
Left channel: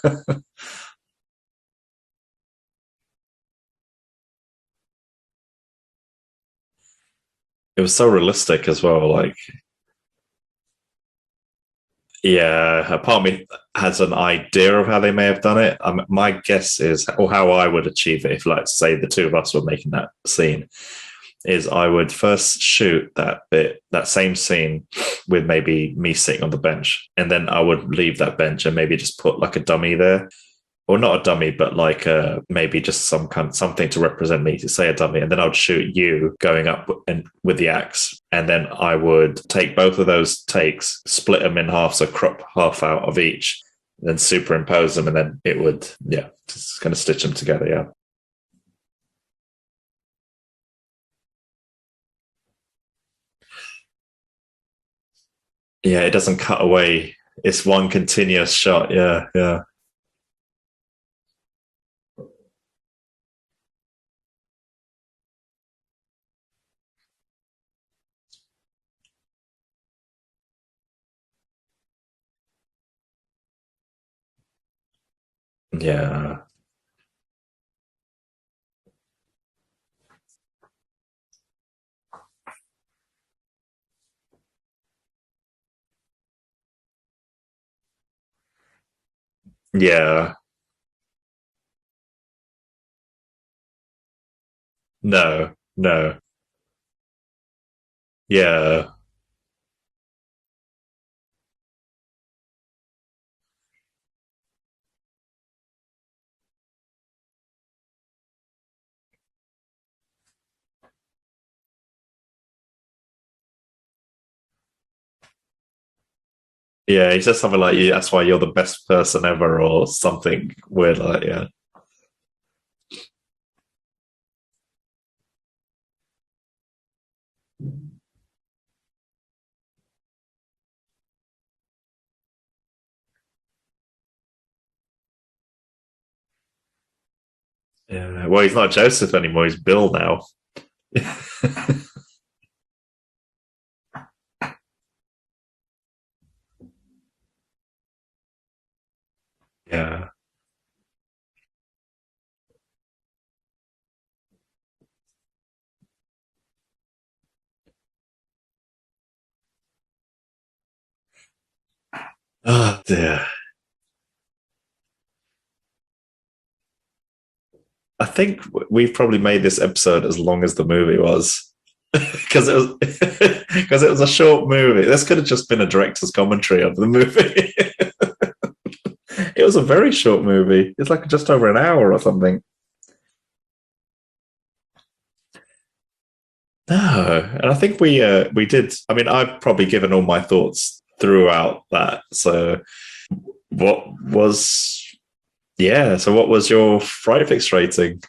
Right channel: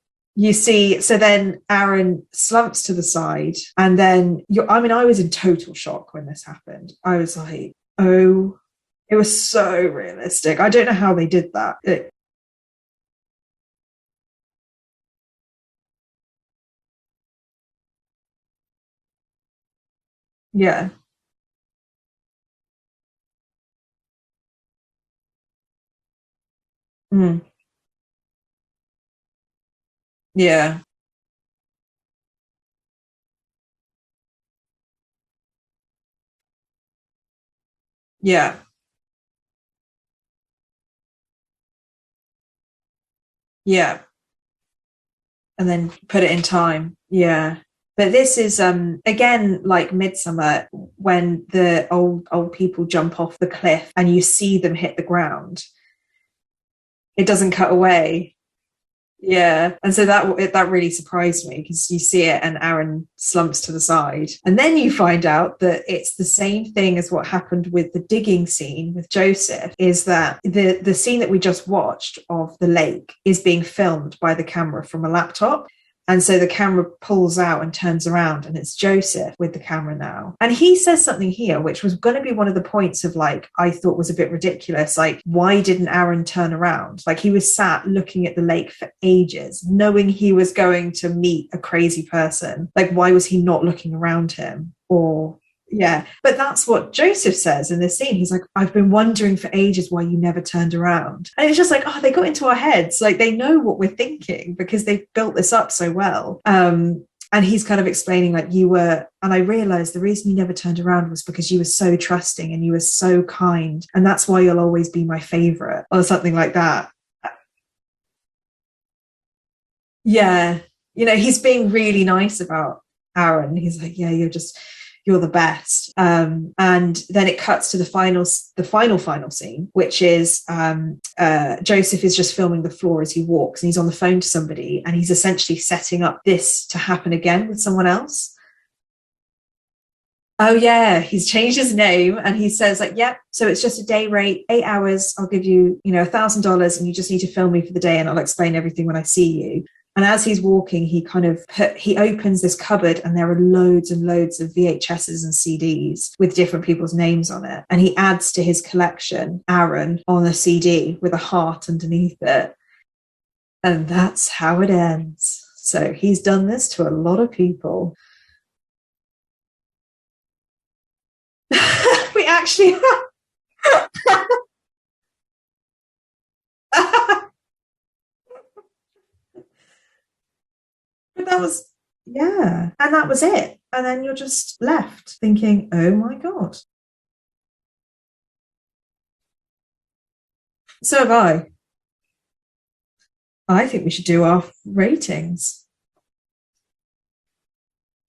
So then Aaron slumps to the side, and then I was in total shock when this happened. I was like, it was so realistic as well. It was so realistic. I don't know how they did that. A part of me has an idea of how they may have done it. My guess is, or how I would achieve it if, like, say the two of us were making that scene. Is I would first shoot that same scene with maybe me sitting on the bench, and then I would leave that bench and maybe just put like a dummy there. Or not a dummy, but like maybe just something to represent me, to say a dummy, and then I would shoot you going up with the axe. And then I would take both of those takes, split them in half, so crop half out of each. And then superimpose them, and then then put it in time. Kind of stitch them together. But this is again like Midsummer, when the old people jump off the cliff and you see them hit the ground. It doesn't cut away. It's one continuous shot. And so that really surprised me, because you see it and Aaron slumps to the side, and then you find out that it's the same thing as what happened with the digging scene with Joseph, is that the scene that we just watched of the lake is being filmed by the camera from a laptop. And so the camera pulls out and turns around, and it's Joseph with the camera now, and he says something here which was going to be one of the points of, like, I thought was a bit ridiculous, like, why didn't Aaron turn around? Like, he was sat looking at the lake for ages, knowing he was going to meet a crazy person. Like, why was he not looking around him? No. But that's what Joseph says in this scene. He's like, I've been wondering for ages why you never turned around. And it's just like, they got into our heads. Like, they know what we're thinking because they've built this up so well. And he's kind of explaining, like, and I realized the reason you never turned around was because you were so trusting and you were so kind, and that's why you'll always be my favorite, or something like that. He says something like, that's why you're the best person ever, or something weird. He's being really nice about Aaron. He's like, you're the best. And then it cuts to the final scene, which is Joseph is just filming the floor as he walks, and he's on the phone to somebody, and he's essentially setting up this to happen again with someone else. Well, he's not Joseph anymore, he's Bill now. He's changed his name, and he says, like, so it's just a day rate, 8 hours, I'll give you, $1,000, and you just need to film me for the day, and I'll explain everything when I see you. And as he's walking, he opens this cupboard, and there are loads and loads of VHS VHSs and CDs with different people's names on it. And he adds to his collection Aaron on a CD with a heart underneath it. Oh, dear. And that's how it ends. So he's done this to a lot of people. I think we've probably made this episode as long as the movie was. Because it was a short movie. This could have just been a director's commentary on the movie. It was a very short movie. It's like just over an hour or something. Yeah, and that was it. And then you're just left thinking, oh my God. No, and I think we did. I mean, I've probably given all my thoughts throughout that. So I think we should do our ratings. Yeah. So what was your Fright Fix rating?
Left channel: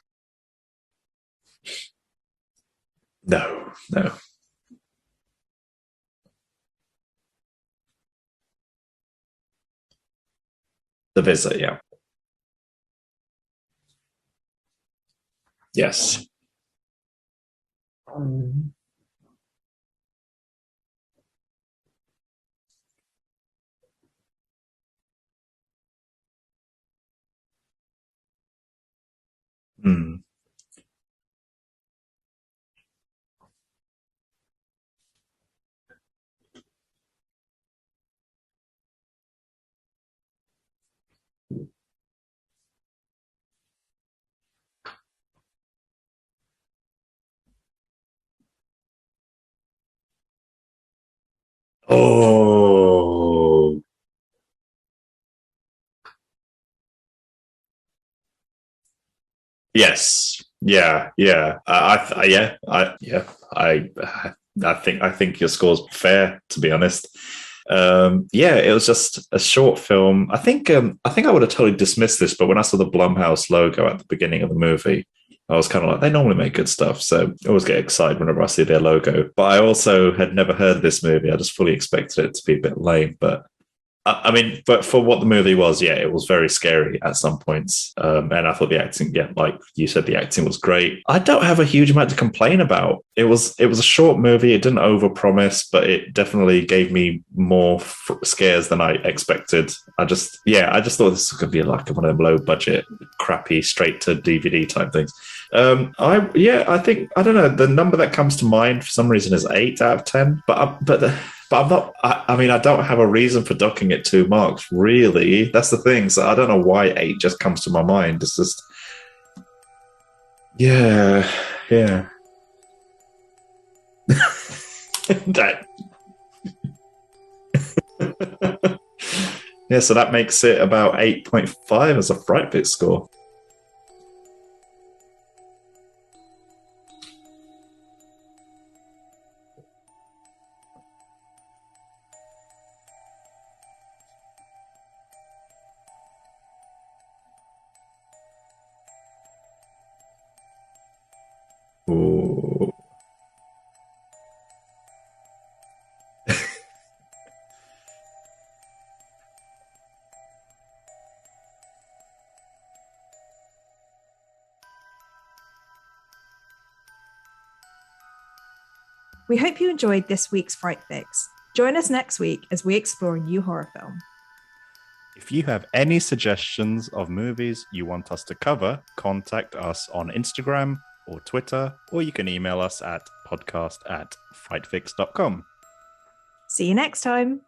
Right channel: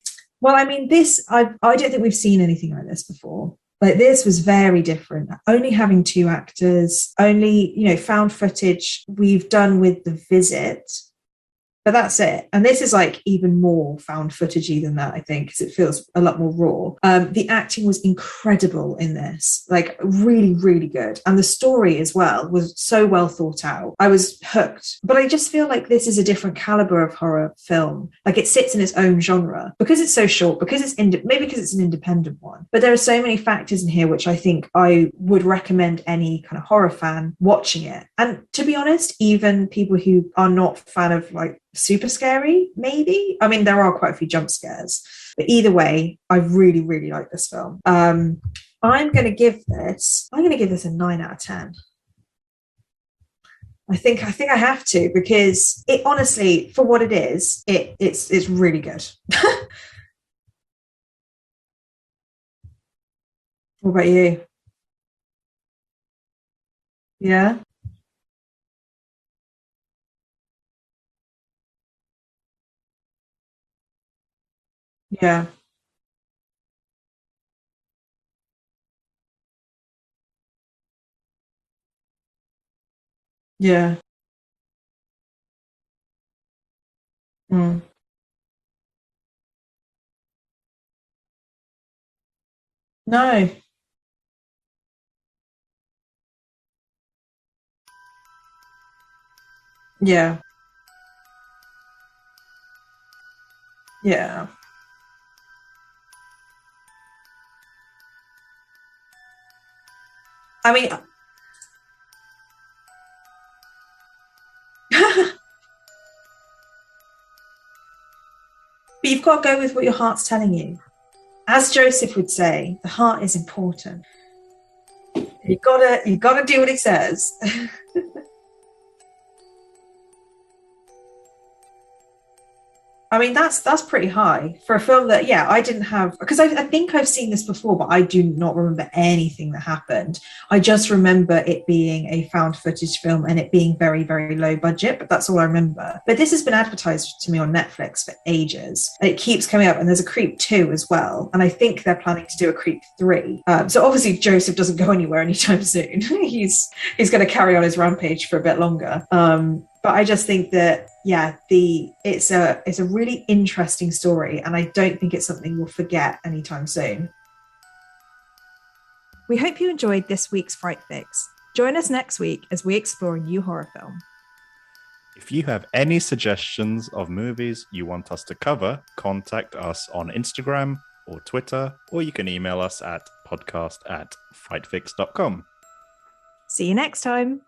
Well, I mean, I don't think we've seen anything like this before. No. This was very different. Only having 2 actors, only, found footage we've done with The Visit. The Visit, yeah. But that's it. And this is like even more found footagey than that, I think, because it feels a lot more raw. The acting was incredible in this, like really, really good. And the story as well was so well thought out. I was hooked. But I just feel like this is a different caliber of horror film. Like it sits in its own genre because it's so short, because it's maybe because it's an independent one. But there are so many factors in here which I think I would recommend any kind of horror fan watching it. And to be honest, even people who are not fan of like super scary, maybe. I mean, there are quite a few jump scares. But either way, I really, really like this film. I'm going to give this a 9 out of 10. Oh, I think I have to, because it honestly, for what it is, it's really good. Yes. Yeah. What about you? I think your score's fair, to be honest. Yeah. It was just a short film. I think I would have totally dismissed this, but when I saw the Blumhouse logo at the beginning of the movie, I was kind of like, they normally make good stuff, so I always get excited whenever I see their logo. But I also had never heard of this movie. I just fully expected it to be a bit lame. But I mean, but for what the movie was, it was very scary at some points. And I thought the acting, like you said, the acting was great. I don't have a huge amount to complain about. No. It was a short movie. It didn't overpromise, but it definitely gave me more scares than I expected. I just thought this was going to be like one of them low budget, crappy, straight to DVD type things. I think, I don't know, the number that comes to mind for some reason is 8 out of 10. But I'm not. I don't have a reason for docking it 2 marks. Really, that's the thing. So I don't know why 8 just comes to my mind. It's just. But you've got to go with what your heart's telling you. Yeah. As Joseph would say, the heart is important. You've got to do what it says. Yeah, so that makes it about 8.5 as a Fright Fix score. I mean, that's pretty high for a film that, I didn't have, because I think I've seen this before, but I do not remember anything that happened. I just remember it being a found footage film and it being very, very low budget, but that's all I remember. But this has been advertised to me on Netflix for ages. And it keeps coming up, and there's a Creep 2 as well. And I think they're planning to do a Creep 3. So obviously Joseph doesn't go anywhere anytime soon. He's going to carry on his rampage for a bit longer. But I just think that, it's a really interesting story, and I don't think it's something we'll forget anytime soon. We hope you enjoyed this week's Fright Fix. Join us next week as we explore a new horror film. If you have any suggestions of movies you want us to cover, contact us on Instagram or Twitter, or you can email us at podcast@frightfix.com. See you next time.